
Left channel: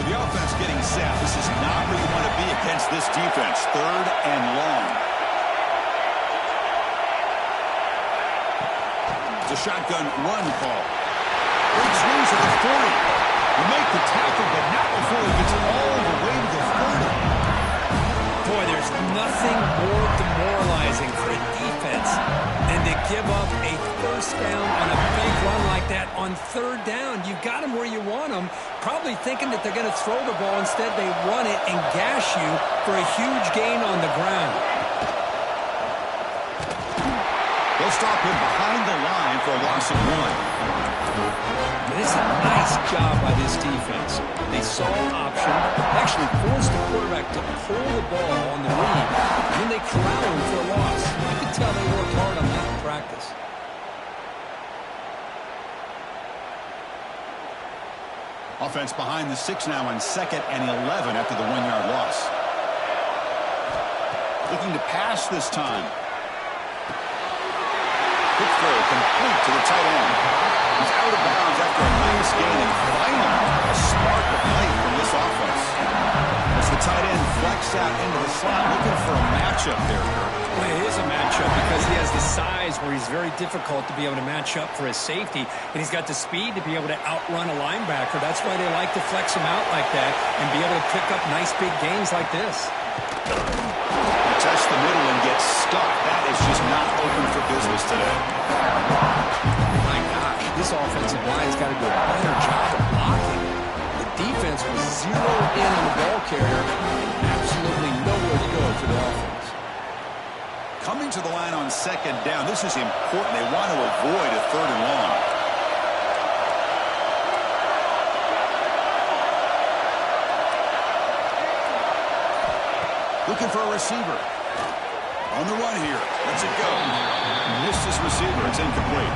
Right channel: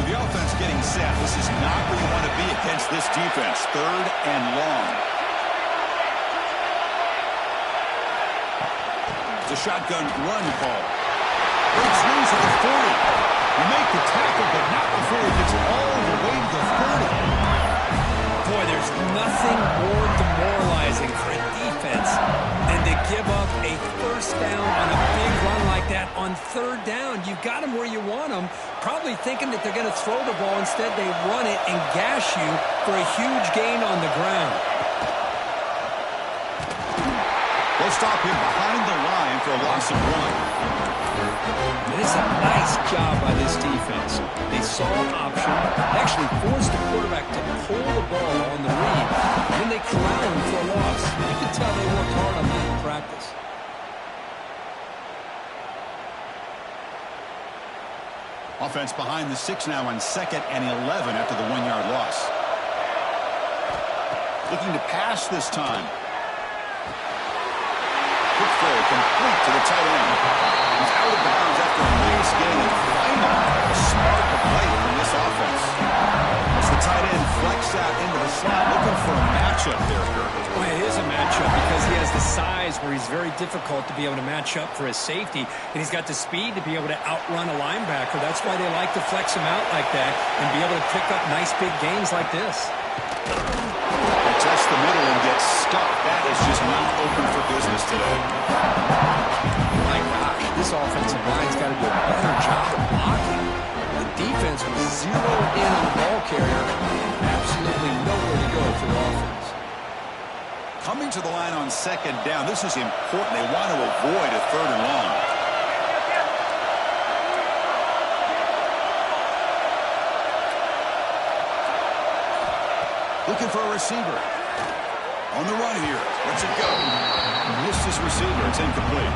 The offense getting set. This is not where you want to be against this defense. Third and long. It's a shotgun run call. Breaks loose at the 40. You make the tackle, but not before he gets all the way to the 30. Boy, there's nothing more demoralizing for a defense than to give up a first down on a big run like that on third down. You've got them where you want them, probably thinking that they're going to throw the ball. Instead, they run it and gash you for a huge gain on the ground. They'll stop him behind the line for a loss of 1. This is a nice job by this defense. They saw an option, actually forced the quarterback to pull the ball on the read, and then they corral him for a loss. You can tell they worked hard on that in practice. Offense behind the 6 now on 2nd and 11 after the 1-yard loss. Looking to pass this time. Quick throw complete to the tight end. He's out of bounds after a nice gain, and finally a spark of life from this offense. As the tight end flex out into the slot, looking for a matchup there, Kirk. Well, it is a matchup because he has the size where he's very difficult to be able to match up for his safety, and he's got the speed to be able to outrun a linebacker. That's why they like to flex him out like that and be able to pick up nice big gains like this. Test the middle and get stuck. That is just not open for business today. My gosh, this offensive line's got to do a better job of blocking. The defense was zeroed in on the ball carrier and absolutely nowhere to go for the offense. Coming to the line on 2nd down, this is important. They want to avoid a 3rd and long. Looking for a receiver. On the run here. Lets it go. Missed his receiver. It's incomplete.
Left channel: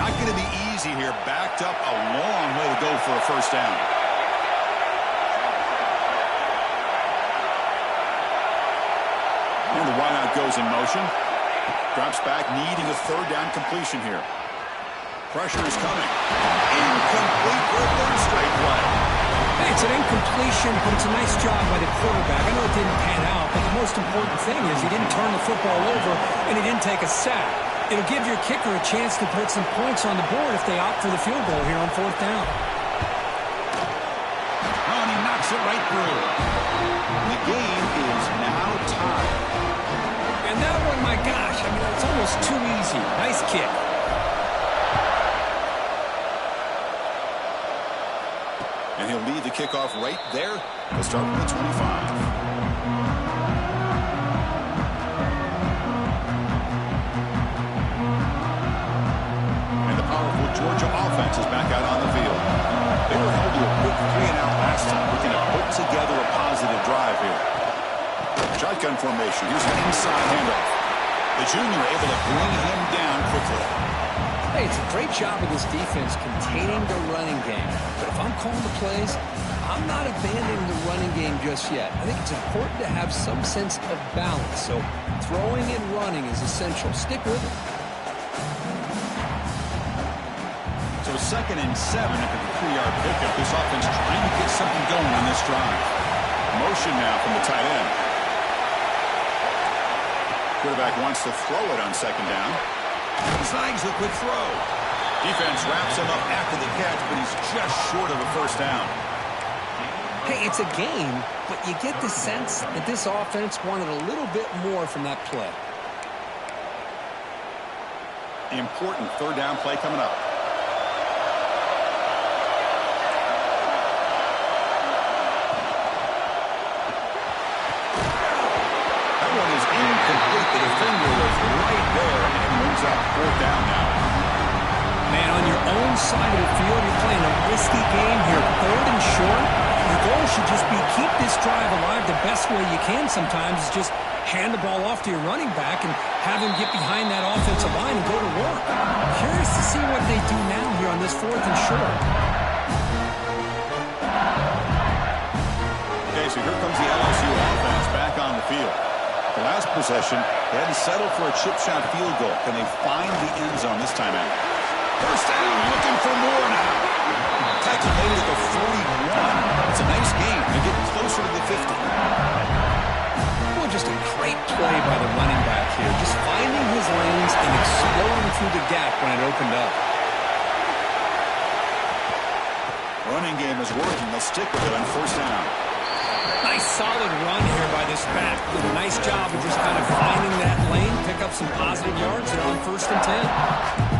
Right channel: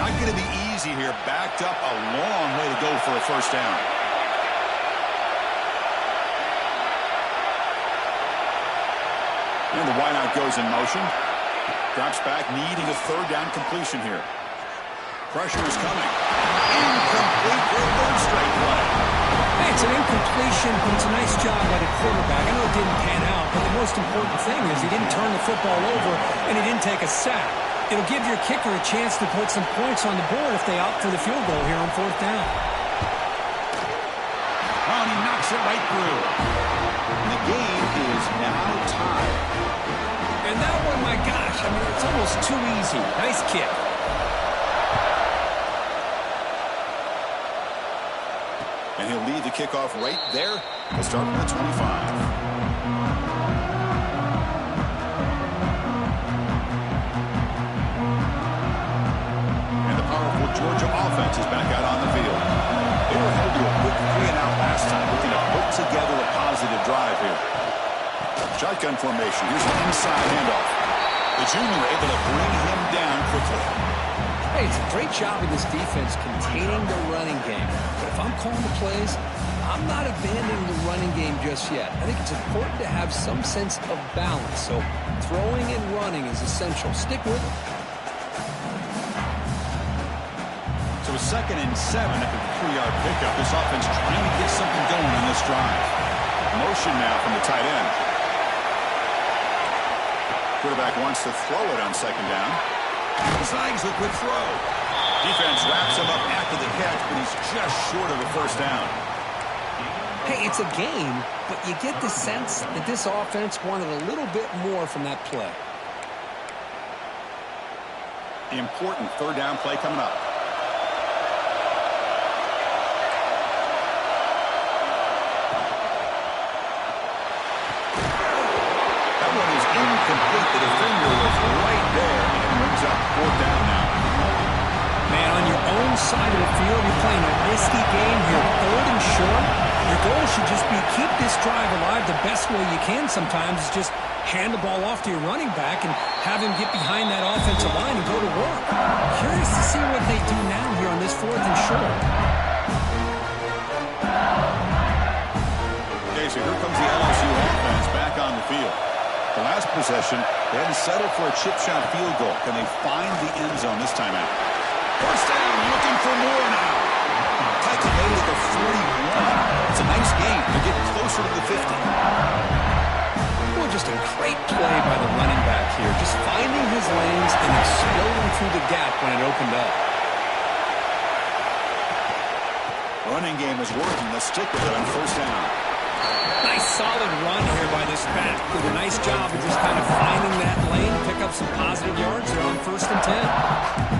Not going to be easy here. Backed up a long way to go for a first down. And the wideout goes in motion. Drops back, needing a 3rd down completion here. Pressure is coming. Incomplete for a 3rd straight play. Hey, it's an incompletion, but it's a nice job by the quarterback. I know it didn't pan out, but the most important thing is he didn't turn the football over and he didn't take a sack. It'll give your kicker a chance to put some points on the board if they opt for the field goal here on 4th down. Oh, and he knocks it right through. And the game is now tied. And that one, my gosh, I mean, it's almost too easy. Nice kick. And he'll lead the kickoff right there. He'll start from the 25. Georgia offense is back out on the field. They were held to a quick 3-and-out last time, looking to put together a positive drive here. Shotgun formation. Here's an inside handoff. The junior able to bring him down quickly. Hey, it's a great job of this defense containing the running game. But if I'm calling the plays, I'm not abandoning the running game just yet. I think it's important to have some sense of balance. So throwing and running is essential. Stick with it. So 2nd and 7 after the 3-yard pickup. This offense trying to get something going on this drive. Motion now from the tight end. Quarterback wants to throw it on 2nd down. Zags the quick throw. Defense wraps him up after the catch, but he's just short of a first down. Hey, it's a game, but you get the sense that this offense wanted a little bit more from that play. The important 3rd down play coming up. One is incomplete. The defender was right there, and it brings up 4th down now. Man, on your own side of the field, you're playing a risky game here. 3rd and short. Your goal should just be keep this drive alive the best way you can sometimes is just hand the ball off to your running back and have him get behind that offensive line and go to work. Curious to see what they do now here on this 4th and short. Okay, so here comes the LSU offense back on the field. The last possession, they had to settle for a chip shot field goal. Can they find the end zone this time out? First down, looking for more now. Tackle made at the 41. It's a nice gain. They're getting closer to the 50. Well, just a great play by the running back here. Just finding his lanes and exploding through the gap when it opened up. Running game is working. They'll stick with it on first down. Nice solid run here by this back. Did a nice job of just kind of finding that lane, pick up some positive yards there on 1st and 10.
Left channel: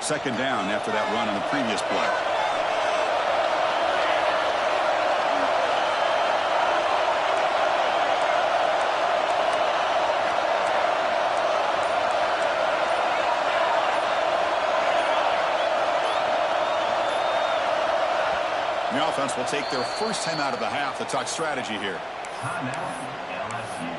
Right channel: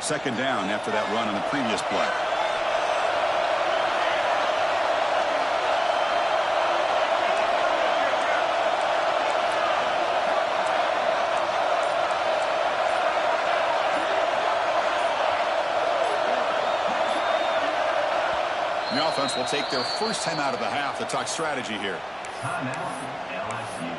Second down after that run on the previous play. The offense will take their first time out of the half to talk strategy here. Timeout, LSU.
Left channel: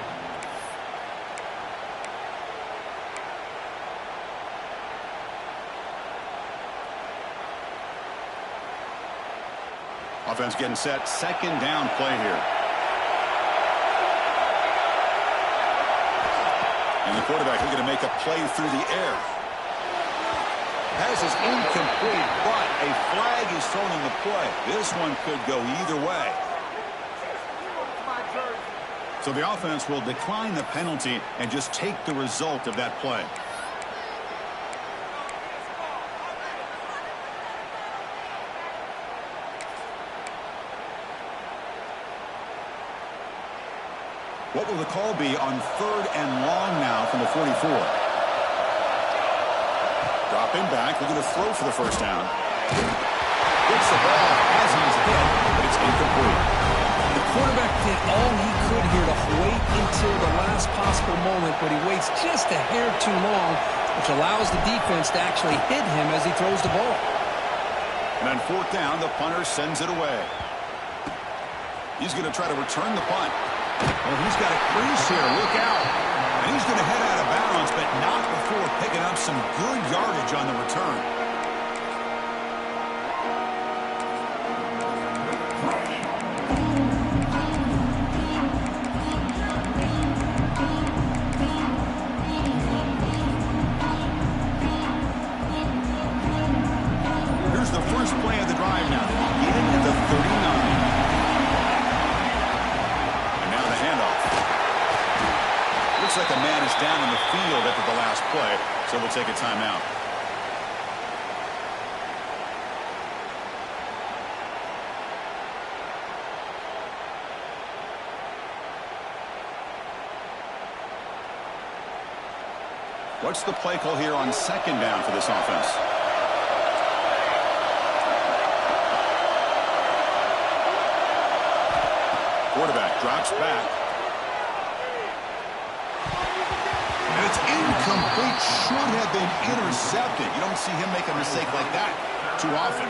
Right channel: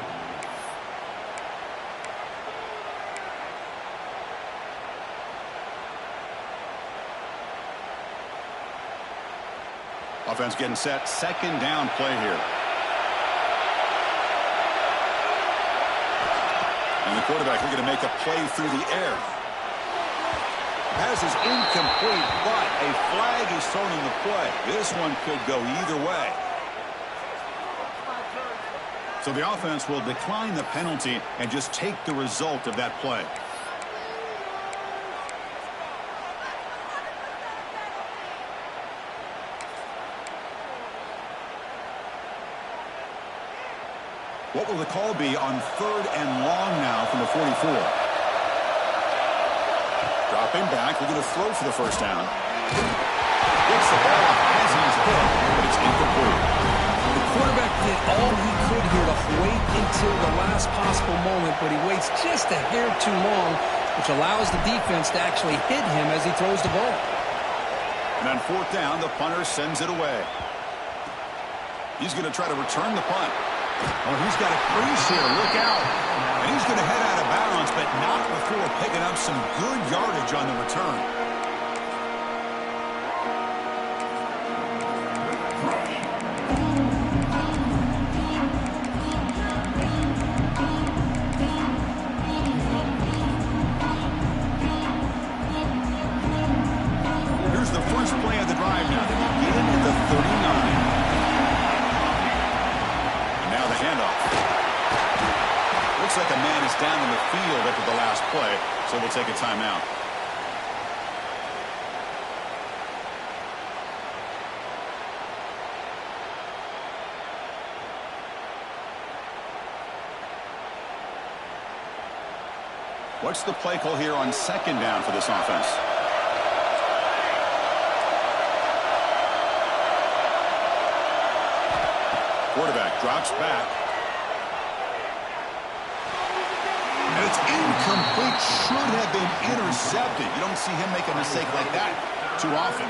Offense getting set. Second down play here. And the quarterback looking to make a play through the air. Pass is incomplete, but a flag is thrown in the play. This one could go either way. So the offense will decline the penalty and just take the result of that play. What will the call be on 3rd and long now from the 44? Dropping back, looking to throw for the first down. Gets the ball off as he's hit, but it's incomplete. The quarterback did all he could here to wait until the last possible moment, but he waits just a hair too long, which allows the defense to actually hit him as he throws the ball. And on 4th down, the punter sends it away. He's going to try to return the punt. Oh, he's got a crease here. Look out. And he's going to head out of bounds, but not before picking up some good yardage on the return. Here's the first play of the drive now. They begin at the 39. Handoff. Looks like a man is down in the field after the last play, so we'll take a timeout. What's the play call here on 2nd down for this offense? Quarterback drops back. And it's incomplete. Should have been intercepted. You don't see him make a mistake like that too often.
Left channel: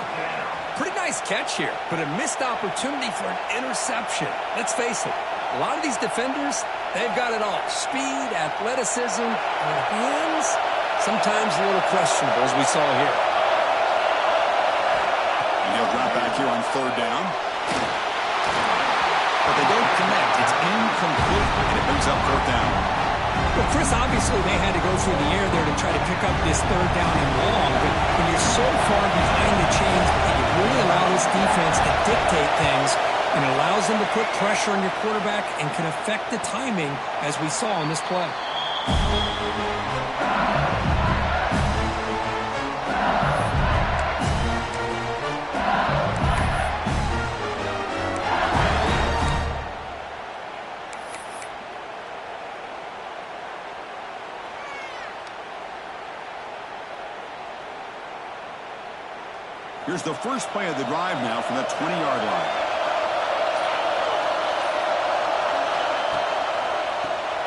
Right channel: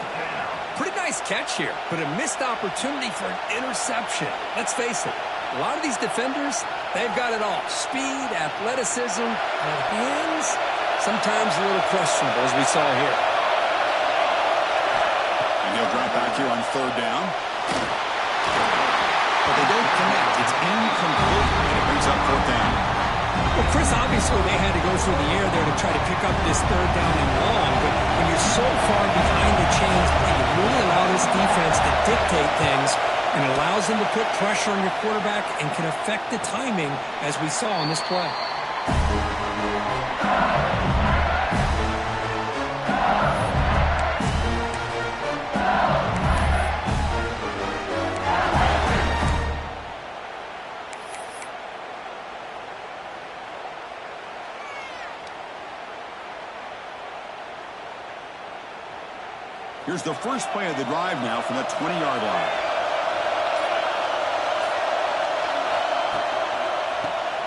Pretty nice catch here, but a missed opportunity for an interception. Let's face it, a lot of these defenders, they've got it all. Speed, athleticism, but hands, sometimes a little questionable, as we saw here. And he'll drop back here on 3rd down. But they don't connect. It's incomplete, and it brings up 4th down. Well, Chris, obviously they had to go through the air there to try to pick up this 3rd down and long, but when you're so far behind the chains, you really allow this defense to dictate things, and it allows them to put pressure on your quarterback and can affect the timing, as we saw on this play. Here's the first play of the drive now from the 20-yard line.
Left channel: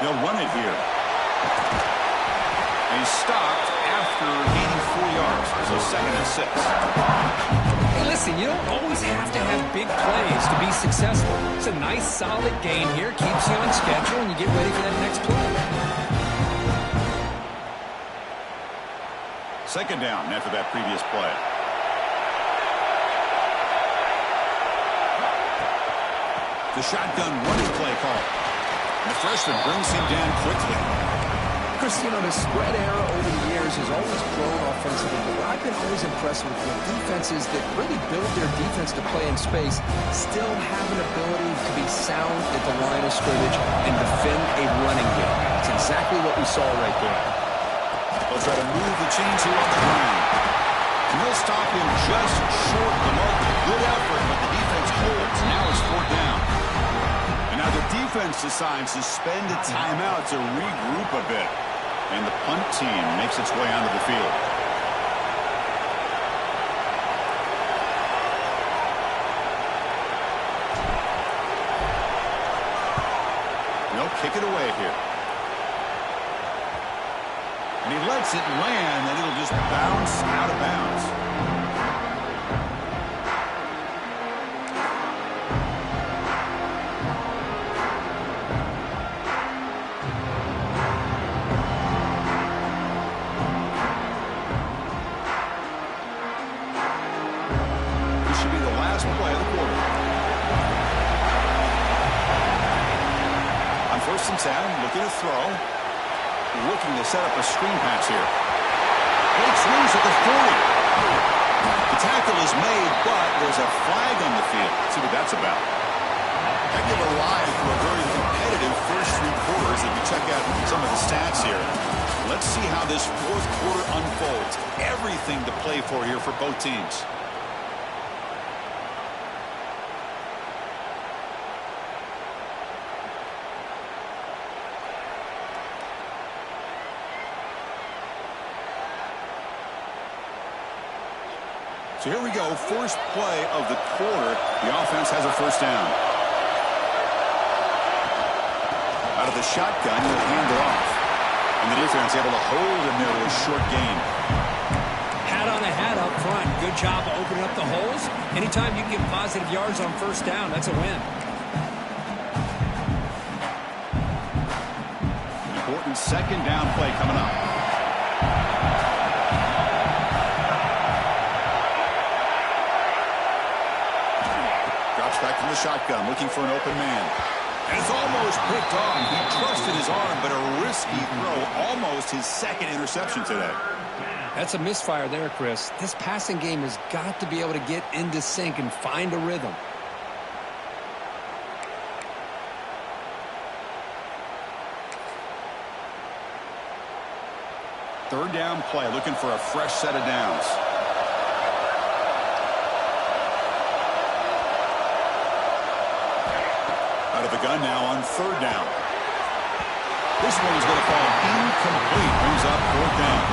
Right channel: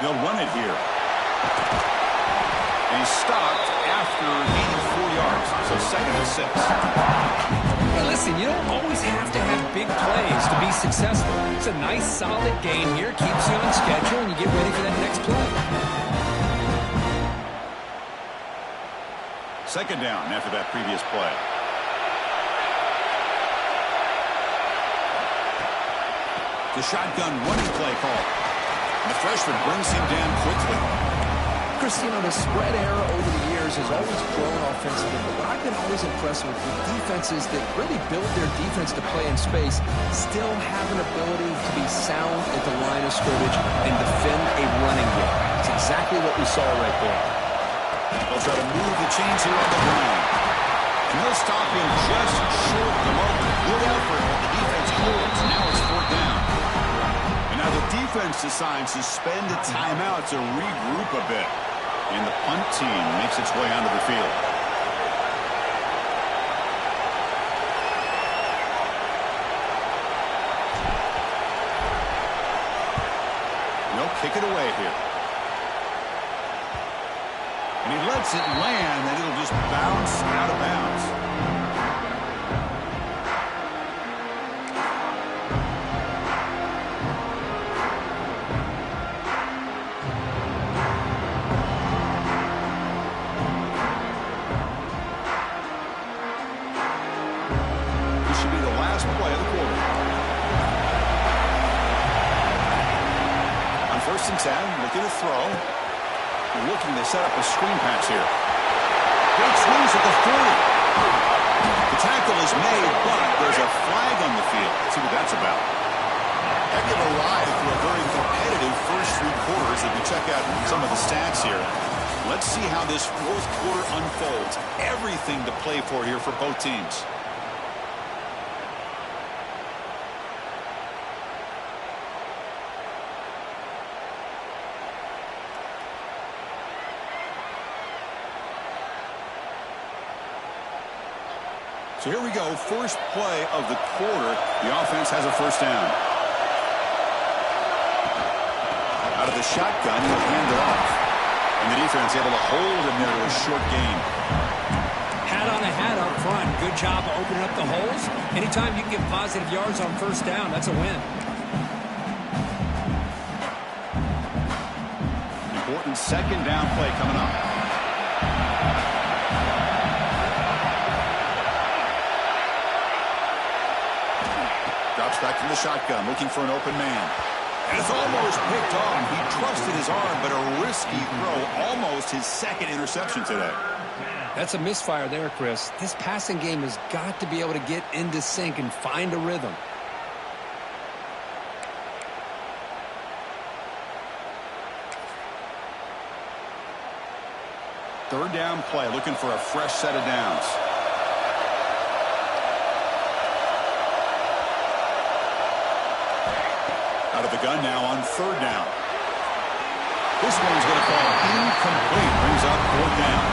They'll run it here. And he's stopped after gaining 4 yards, so 2nd and 6. Hey, listen, you don't always have to have big plays to be successful. It's a nice, solid gain here, keeps you on schedule, and you get ready for that next play. 2nd down after that previous play. The shotgun running play call. And the freshman brings him down quickly. Chris, you know, the spread era over the years has always grown offensively, but what I've been always impressed with defenses that really build their defense to play in space still have an ability to be sound at the line of scrimmage and defend a running game. It's exactly what we saw right there. They'll try to move the chains here on the ground. And they'll stop him just short of the marker. Good effort, but the defense holds. Now it's 4th down. And now the defense decides to spend a timeout to regroup a bit. And the punt team makes its way onto the field. No, kick it away here. And he lets it land, and it'll just bounce out of bounds. Play of the quarter. On 1st and 10, looking to throw. Looking to set up a screen pass here. Breaks loose at the 40. The tackle is made, but there's a flag on the field. Let's see what that's about. Heck of a ride through a very competitive first 3 quarters. If you check out some of the stats here, let's see how this 4th quarter unfolds. Everything to play for here for both teams. So here we go, first play of the quarter. The offense has a 1st down. Out of the shotgun, he'll hand it off. And the defense able to hold him there to a short gain. Hat on a hat up front. Good job of opening up the holes. Anytime you can get positive yards on 1st down, that's a win. Important 2nd down play coming up. Drops back from the shotgun, looking for an open man. And it's almost picked off. He trusted his arm, but a risky throw. Almost his 2nd interception today. That's a misfire there, Chris. This passing game has got to be able to get into sync and find a rhythm. Third down play, looking for a fresh set of downs. Out of the gun now on 3rd down. This one's going to fall incomplete. Brings up 4th down.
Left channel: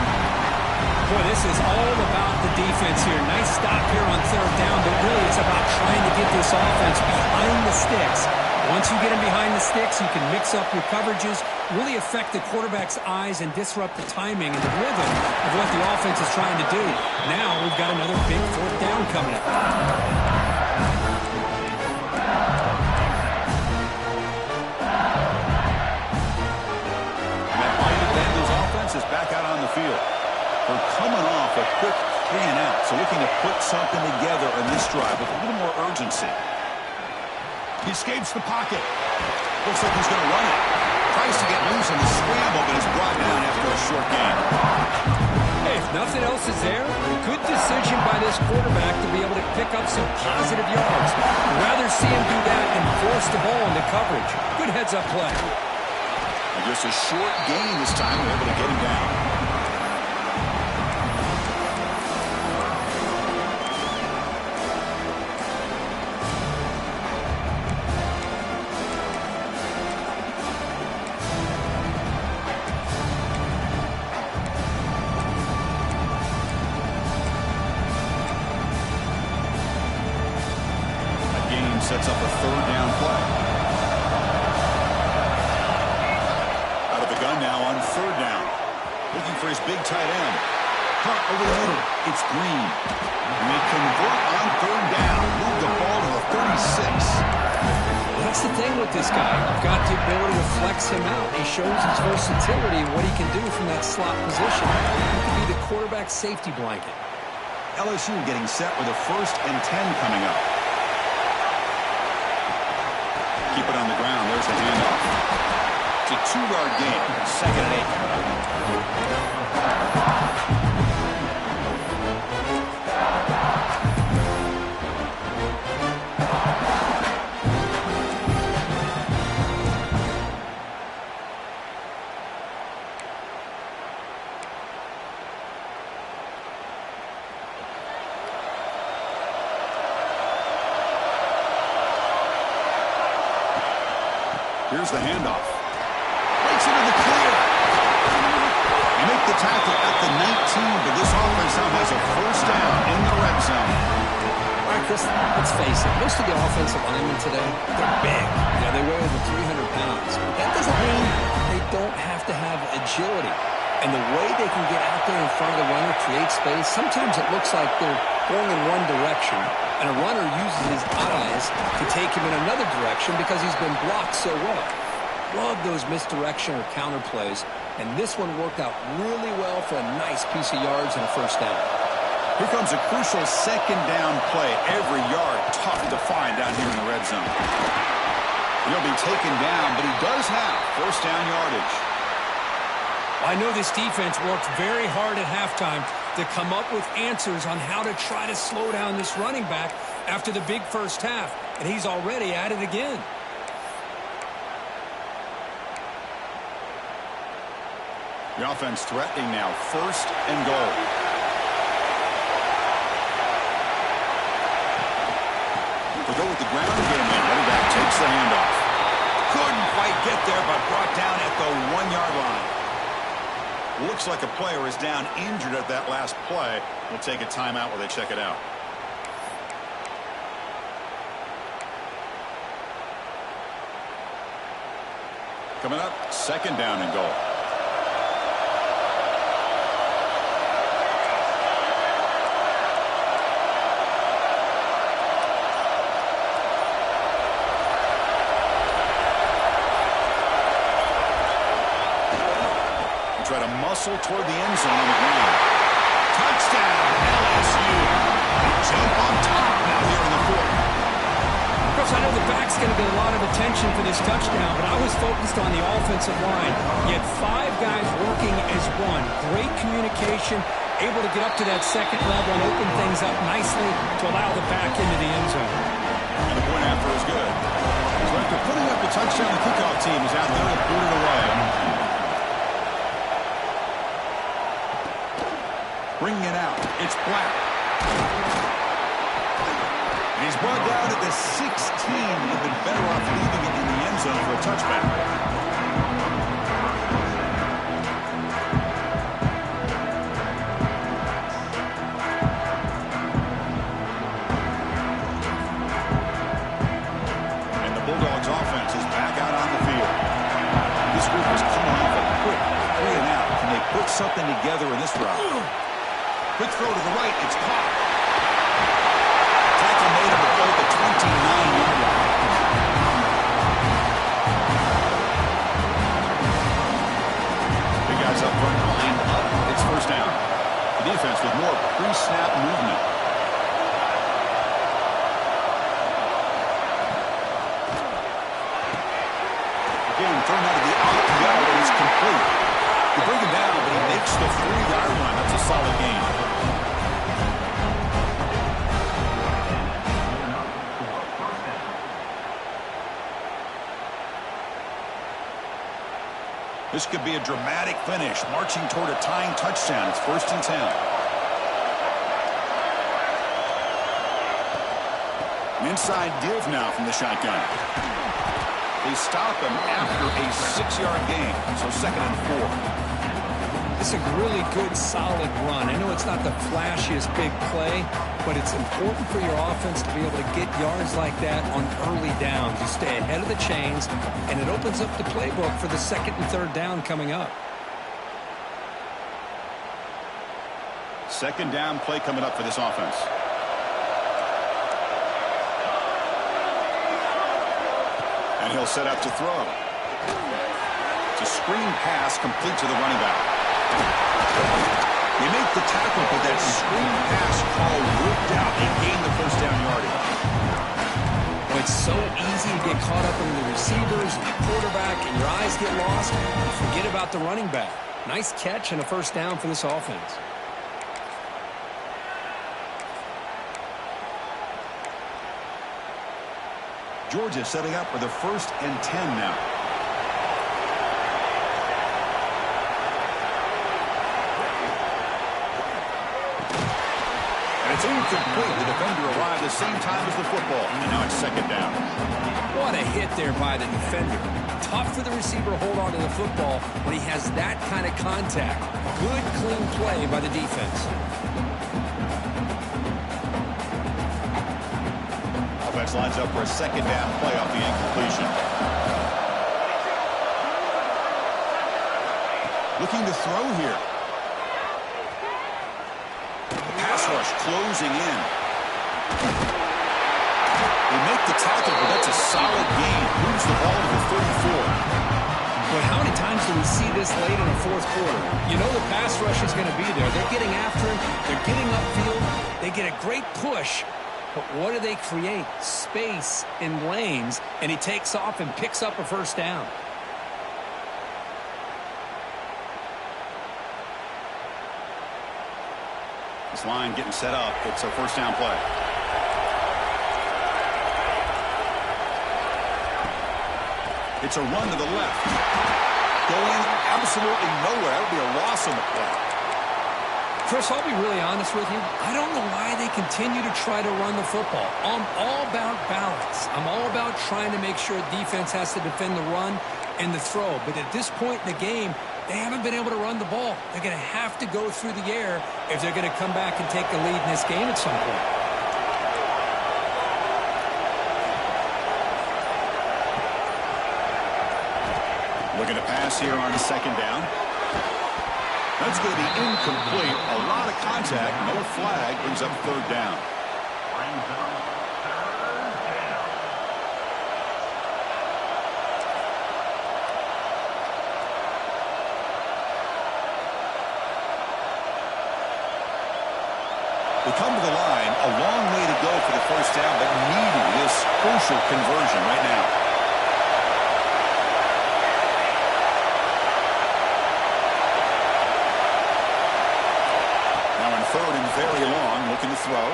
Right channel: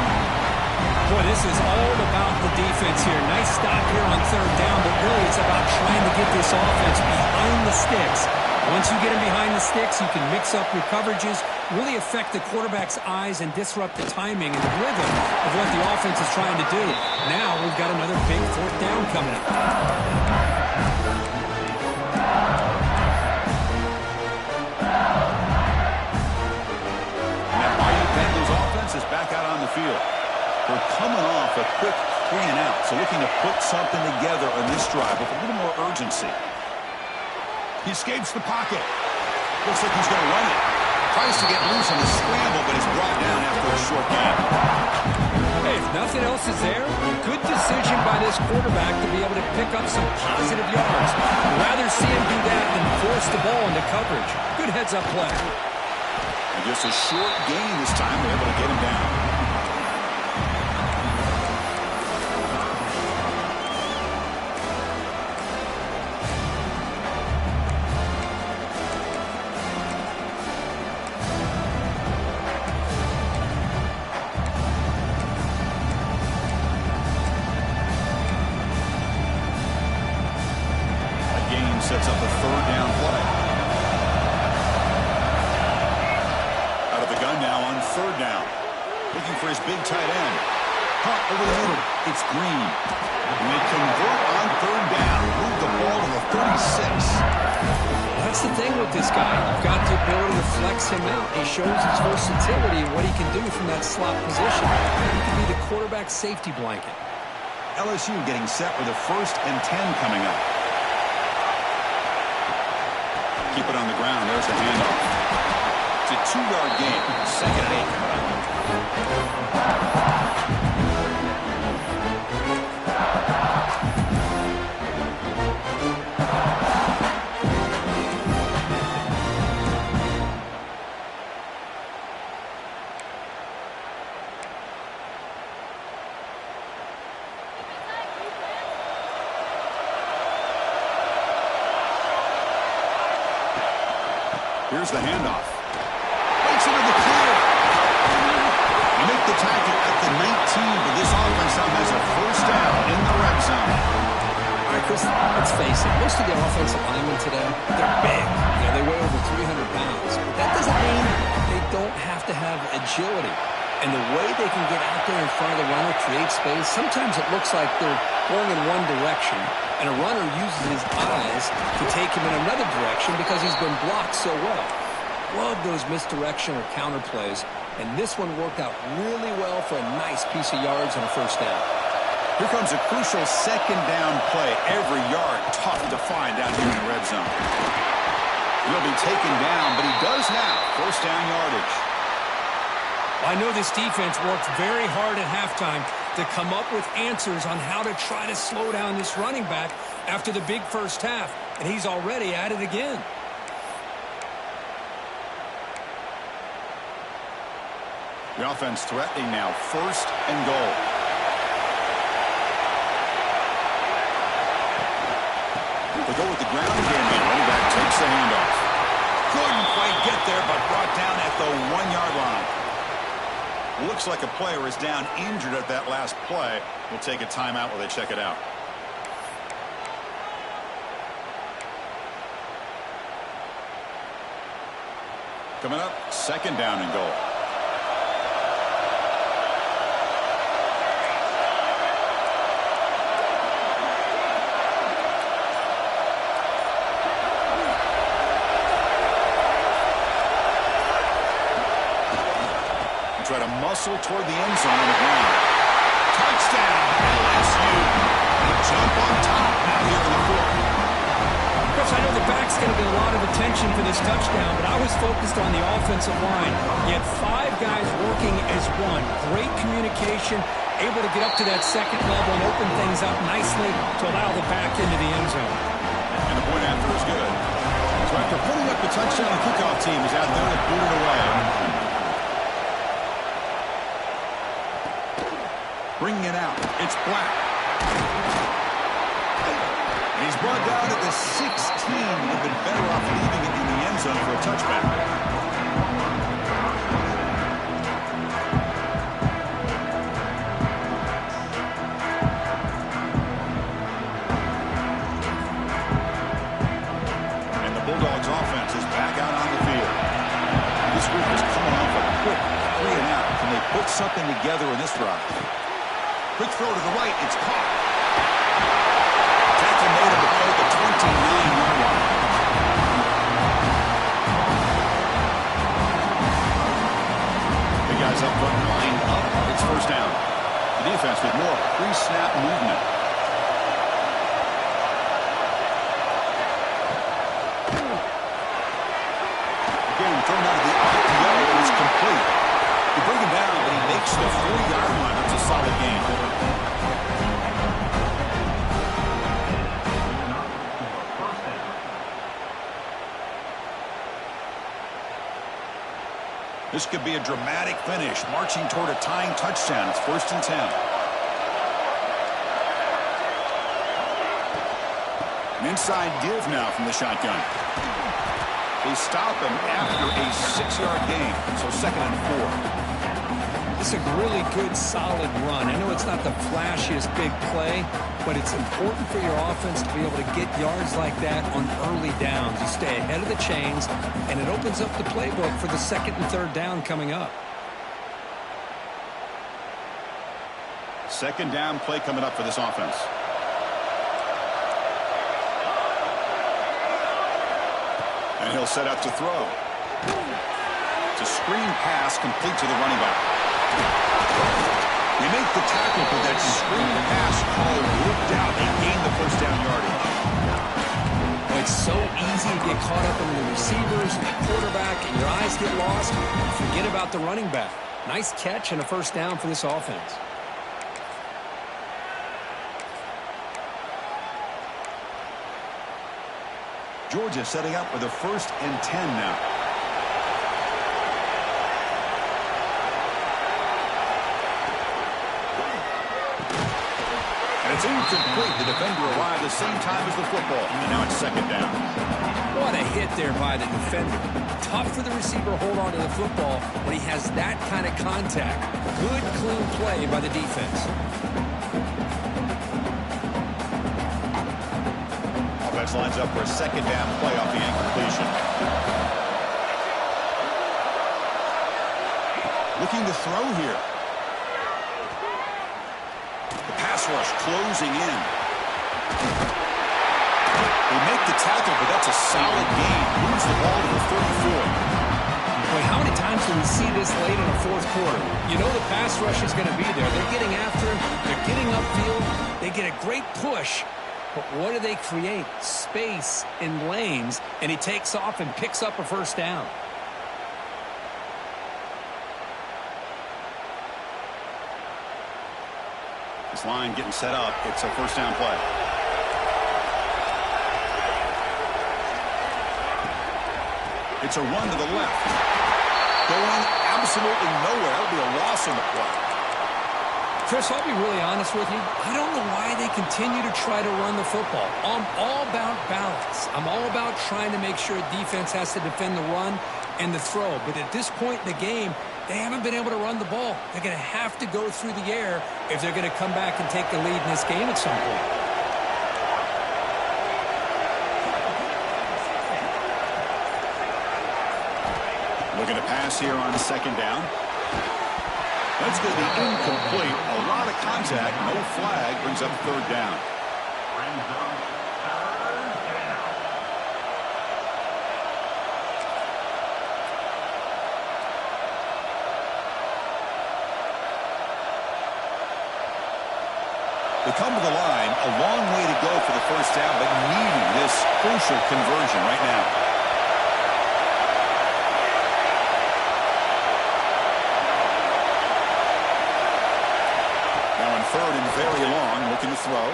Boy, this is all about the defense here. Nice stop here on 3rd down, but really it's about trying to get this offense behind the sticks. Once you get them behind the sticks, you can mix up your coverages, really affect the quarterback's eyes and disrupt the timing and the rhythm of what the offense is trying to do. Now we've got another big 4th down coming up. Is back out on the field. They're coming off a quick 3 and out, so looking to put something together on this drive with a little more urgency. He escapes the pocket. Looks like he's going to run it. Tries to get loose in the scramble, but is brought down after a short gain. Hey, if nothing else is there, good decision by this quarterback to be able to pick up some positive yards. I'd rather see him do that than force the ball into coverage. Good heads-up play. And just a short gain this time. They're able to get him down. That gain sets up a 3rd down play. Gun now on 3rd down. Looking for his big tight end. Caught over the middle. It's Green. And they convert on 3rd down. Move the ball to the 36. Well, that's the thing with this guy. You've got the ability to flex him out. He shows his versatility and what he can do from that slot position. He could be the quarterback safety blanket. LSU getting set with a 1st and 10 coming up. Keep it on the ground. There's the handoff. It's a 2-yard gain. 2nd and 8 coming up. Here's the handoff. Breaks into the clear. You make the tackle at the 19, but this offense now has a first down in the red zone. All right, Chris, let's face it. Most of the offensive linemen today, they're big. You know, they weigh over 300 pounds. But that doesn't mean they don't have to have agility. And the way they can get out there in front of the runner, create space, sometimes it looks like they're going in one direction, and a runner uses his eyes to take him in another direction because he's been blocked so well. Love those misdirection or counter plays, and this one worked out really well for a nice piece of yards and a first down. Here comes a crucial 2nd down play. Every yard tough to find down here in the red zone. He'll be taken down, but he does have first down yardage. I know this defense worked very hard at halftime to come up with answers on how to try to slow down this running back after the big first half, and he's already at it again. The offense threatening now, 1st and goal. They'll go with the ground game, and running back takes the handoff. Couldn't quite get there, but brought down at the 1-yard line. Looks like a player is down injured at that last play. We'll take a timeout while they check it out. Coming up, 2nd down and goal. Try to muscle toward the end zone on the ground. Touchdown, LSU. They jump on top now here in the 4th. Chris, I know the back's going to get a lot of attention for this touchdown, but I was focused on the offensive line. You had 5 guys working as one. Great communication, able to get up to that 2nd level and open things up nicely to allow the back into the end zone. And the point after is good. So after putting up the touchdown, the kickoff team is out there to boot it away. Bringing it out. It's Black. And he's brought down at the 16. Would have been better off leaving it in the end zone for a touchback. And the Bulldogs offense is back out on the field. This group is coming off a quick 3 and out. Can they put something together in this drive? Quick throw to the right. It's caught. Tackle made on the play at the 29-yard line. Big guys up front lined up. It's first down. The defense with more pre-snap movement. Again, thrown out of the RPO, and it's complete. You bring him down, but he makes the 4-yard line. That's a solid gain. This could be a dramatic finish, marching toward a tying touchdown. It's 1st and 10. An inside give now from the shotgun. They stop him after a 6-yard gain, so 2nd and 4. This is a really good, solid run. I know it's not the flashiest big play, but it's important for your offense to be able to get yards like that on early downs. You stay ahead of the chains, and it opens up the playbook for the 2nd and 3rd down coming up. 2nd down play coming up for this offense. And he'll set up to throw. It's a screen pass complete to the running back. They make the tackle, but that screen pass call worked out. They gained the first down yardage. Well, It's so easy to get caught up in the receivers and the quarterback, and your eyes get lost. You forget about the running back. Nice catch and a first down for this offense. Georgia setting up with a 1st and 10 now. And it's incomplete. The defender arrived the same time as the football. And now it's 2nd down. What a hit there by the defender. Tough for the receiver to hold on to the football when he has that kind of contact. Good, clean play by the defense. Offense lines up for a 2nd down play off the incompletion. Looking to throw here. The pass rush closing in. They make the tackle, but that's a solid gain. Moves the ball to the 34. Boy, how many times do we see this late in a 4th quarter? You know the pass rush is going to be there. They're getting after him. They're getting upfield. They get a great push. But what do they create? Space in lanes, and he takes off and picks up a first down. This line getting set up. It's a first down play. It's a run to the left. Going absolutely nowhere. That would be a loss on the play. Chris, I'll be really honest with you. I don't know why they continue to try to run the football. I'm all about balance. I'm all about trying to make sure defense has to defend the run and the throw. But at this point in the game, they haven't been able to run the ball. They're going to have to go through the air if they're going to come back and take the lead in this game at some point. Looking to pass here on 2nd down. That's going to be incomplete. A lot of contact. No flag. Brings up 3rd down. Brings up 3rd down. They come to the line. A long way to go for the first down, but needing this crucial conversion right now. Now in 3rd and very long, looking to throw.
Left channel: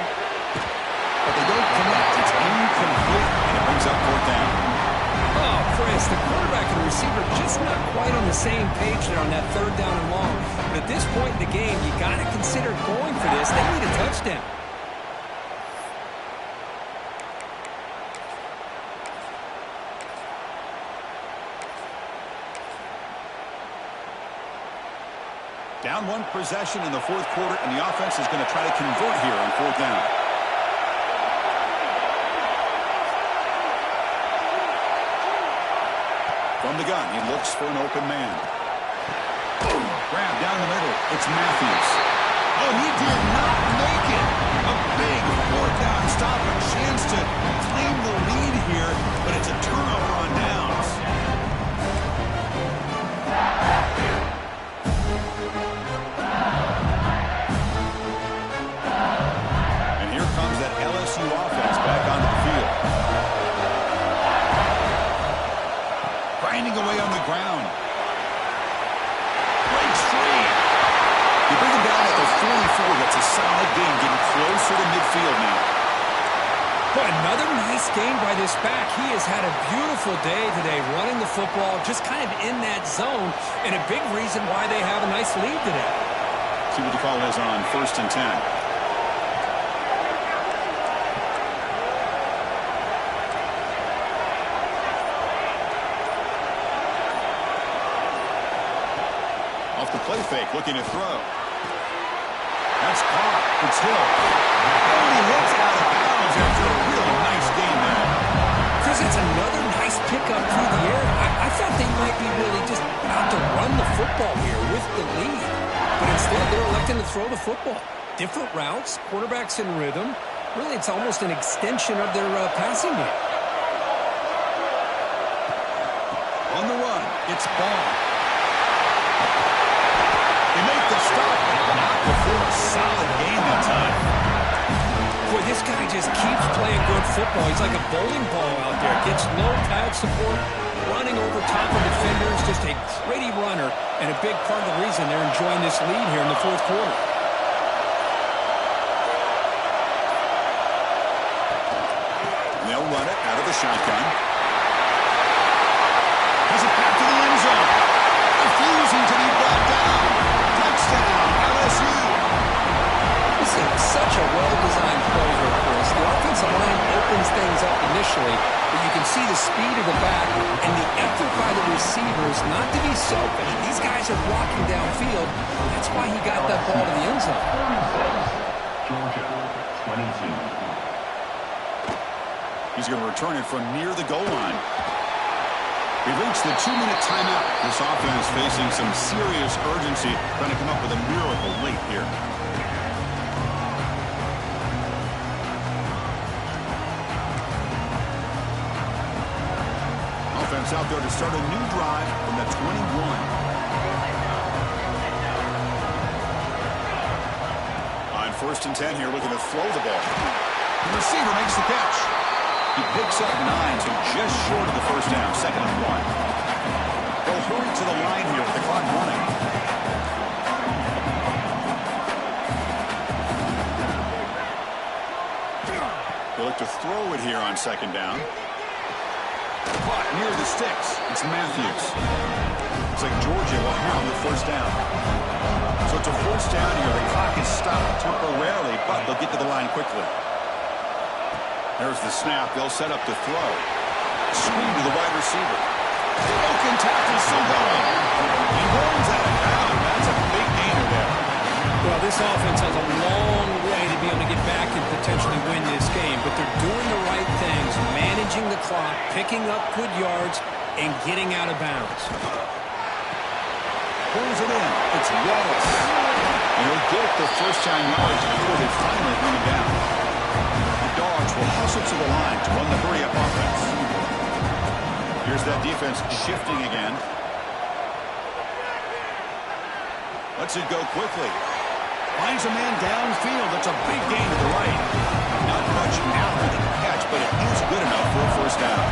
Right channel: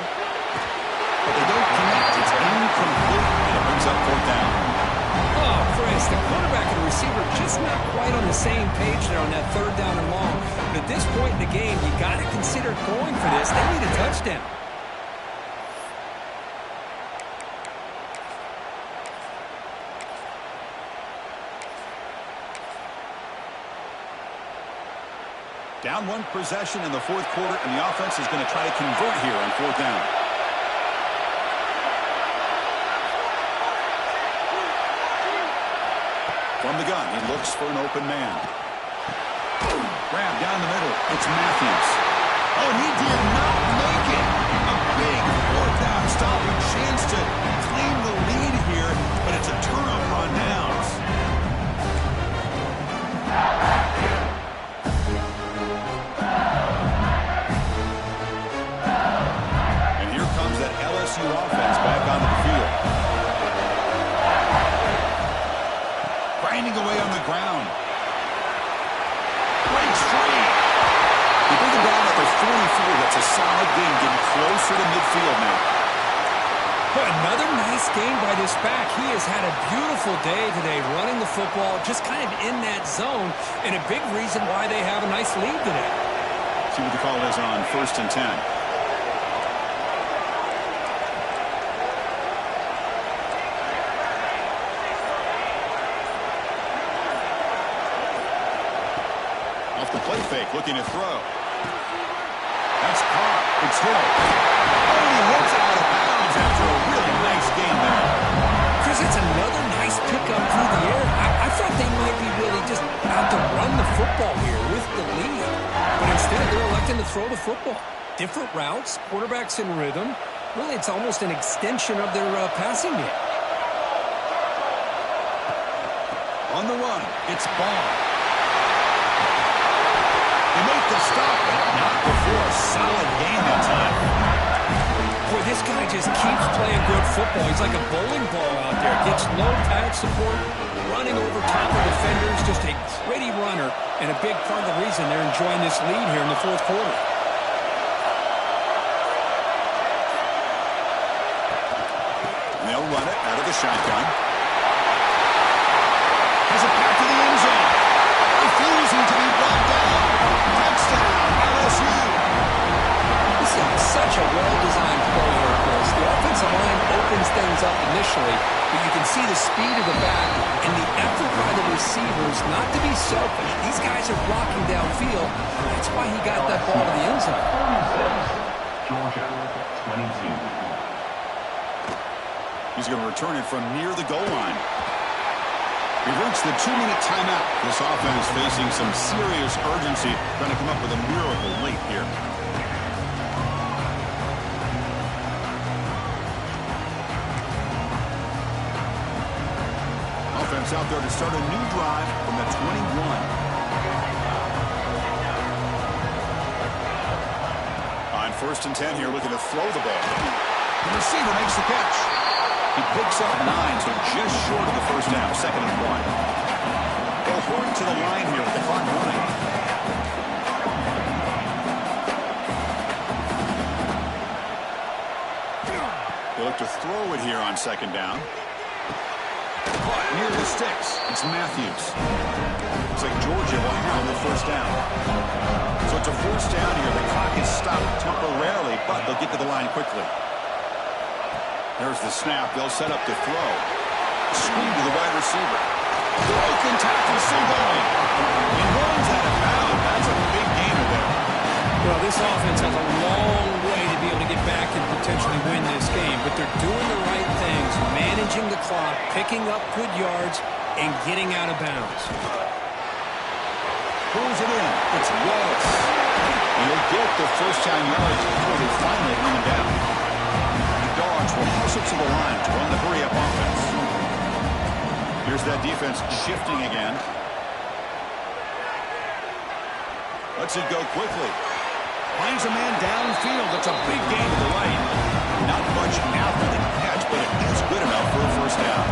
But they don't connect. It's incomplete, and it brings up 4th down. Oh, Chris, the quarterback and the receiver just not quite on the same page there on that 3rd down and long. But at this point in the game, you got to consider going for this. They need a touchdown. Down 1 possession in the 4th quarter, and the offense is going to try to convert here on 4th down. From the gun, he looks for an open man. Boom! Grab down the middle. It's Matthews. Oh, and he did not make it. A big 4th down stop. A chance to claim the lead here, but it's a turnover on downs. And here comes that LSU offense back onto the field. Grinding away on the ground. Breaks free. You bring him down at the 44. That's a solid gain, getting closer to midfield now. Boy, another nice game by this back. He has had a beautiful day today running the football, just kind of in that zone, and a big reason why they have a nice lead today. See what the call is on 1st and 10. Off the play fake, looking to throw. That's caught. It's Hill. Oh, and he hits out of bounds after a really nice game there. Chris, it's another nice pickup through the air. I thought they might be really just out to run the football here with the lead. But instead, they're electing to throw the football. Different routes, quarterbacks in rhythm. Really, it's almost an extension of their passing game. On the run, it's Bond. They make the stop, but not before a solid gain that time. Boy, this guy just keeps playing good football. He's like a bowling ball out there. Gets low pad support, running over top of defenders. Just a gritty runner, and a big part of the reason they're enjoying this lead here in the fourth quarter. And they'll run it out of the shotgun. Has it back to the end zone. Refusing to be brought down. Touchdown, LSU. This is such a well-designed play here, Chris. The offensive line opens things up initially, but you can see the speed of the back and the effort by the receivers not to be selfish. These guys are blocking downfield. That's why he got that ball to the end zone. 36, Georgia, 22. He's going to return it from near the goal line. We've reached the 2-minute timeout. This offense facing some serious urgency, trying to come up with a miracle late here. Offense out there to start a new drive from the 21. On 1st and 10 here, looking to throw the ball. The receiver makes the catch. He picks up 9, so just short of the first down, 2nd and 1. They'll hurry to the line here with the clock running. They look to throw it here on 2nd down. Caught near the sticks. It's Matthews. Looks like Georgia will have the first down. So it's a first down here. The clock is stopped temporarily, but they'll get to the line quickly. There's the snap. They'll set up to throw. Screen to the wide receiver. Broken tackle still going. He rolls out of bounds. That's a big gainer there. Well, this offense has a long way to be able to get back and potentially win this game, but they're doing the right things, managing the clock, picking up good yards, and getting out of bounds. Pulls it in. It's Wallace. And he'll get the first down yards before they finally bring him down. The Dogs will hustle to the line to run the hurry-up offense. Here's that defense shifting again. Lets it go quickly. Finds a man downfield. That's a big gain to the right. Not much after the catch, but it is good enough for a first down.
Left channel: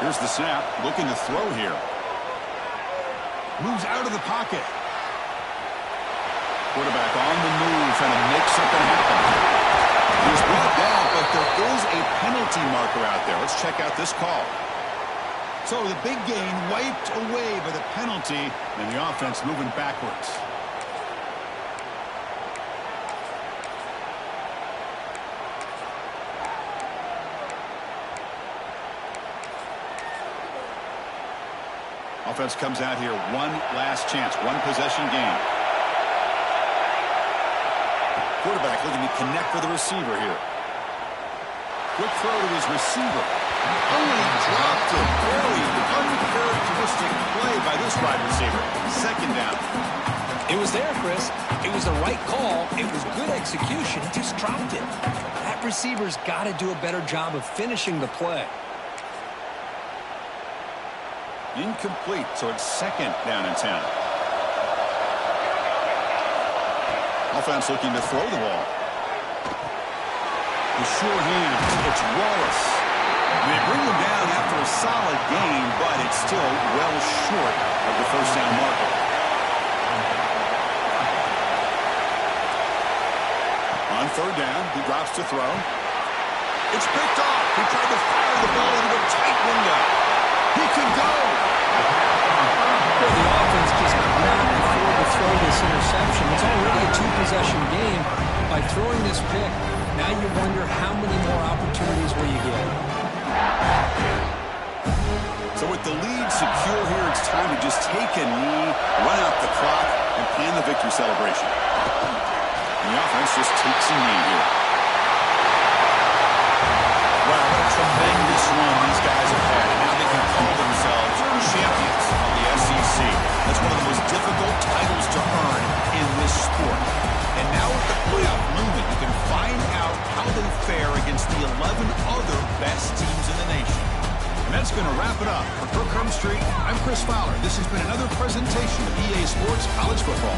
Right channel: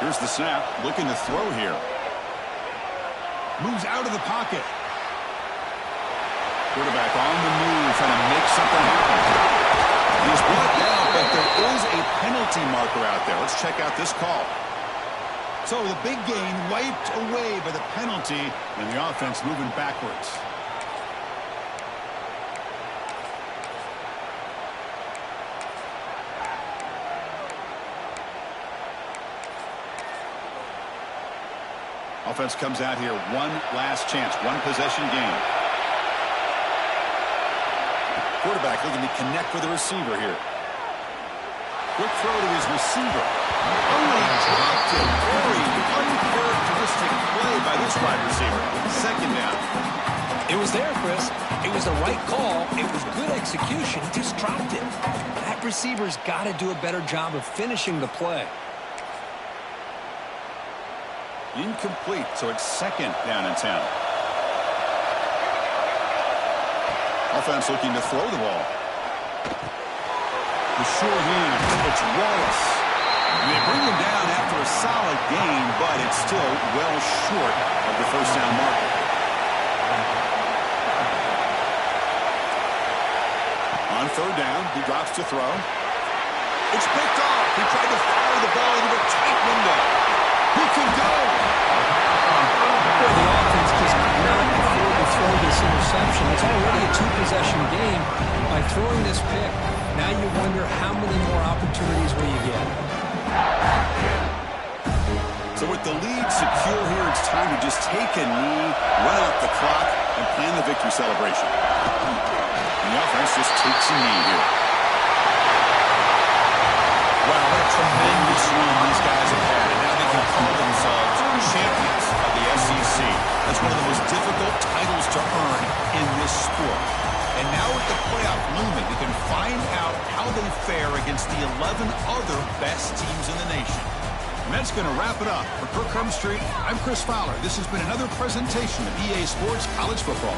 Here's the snap. Looking to throw here. Moves out of the pocket. Quarterback on the move, trying to make something happen. He's brought down, but there is a penalty marker out there. Let's check out this call. So the big gain wiped away by the penalty, and the offense moving backwards. Offense comes out here, one last chance, one possession game. Quarterback looking to connect with the receiver here. Quick throw to his receiver. Oh, he dropped it. Very uncharacteristic play by this wide receiver. 2nd down. It was there, Chris. It was the right call. It was good execution. He just dropped it. That receiver's got to do a better job of finishing the play. Incomplete, so it's 2nd down and 10. Offense looking to throw the ball. The sure hand, it's Wallace. They bring him down after a solid gain, but it's still well short of the first down marker. On 3rd down, he drops to throw. It's picked off. He tried to fire the ball into a tight window. He can go. Well, the offense just could not afford to throw this interception. It's already a 2-possession game. By throwing this pick, now you wonder how many more opportunities will you get. So with the lead secure here, it's time to just take a knee, run out the clock, and plan the victory celebration. And the offense just takes a knee here. Wow, what a tremendous run these guys have had, and now they can call themselves champions of the SEC. That's one of the most difficult titles to earn in this sport. And now with the playoff looming, we can find out how they fare against the 11 other best teams in the nation. And And that's going to wrap it up. For Kirk Herbstreit, I'm Chris Fowler. This has been another presentation of EA Sports College Football.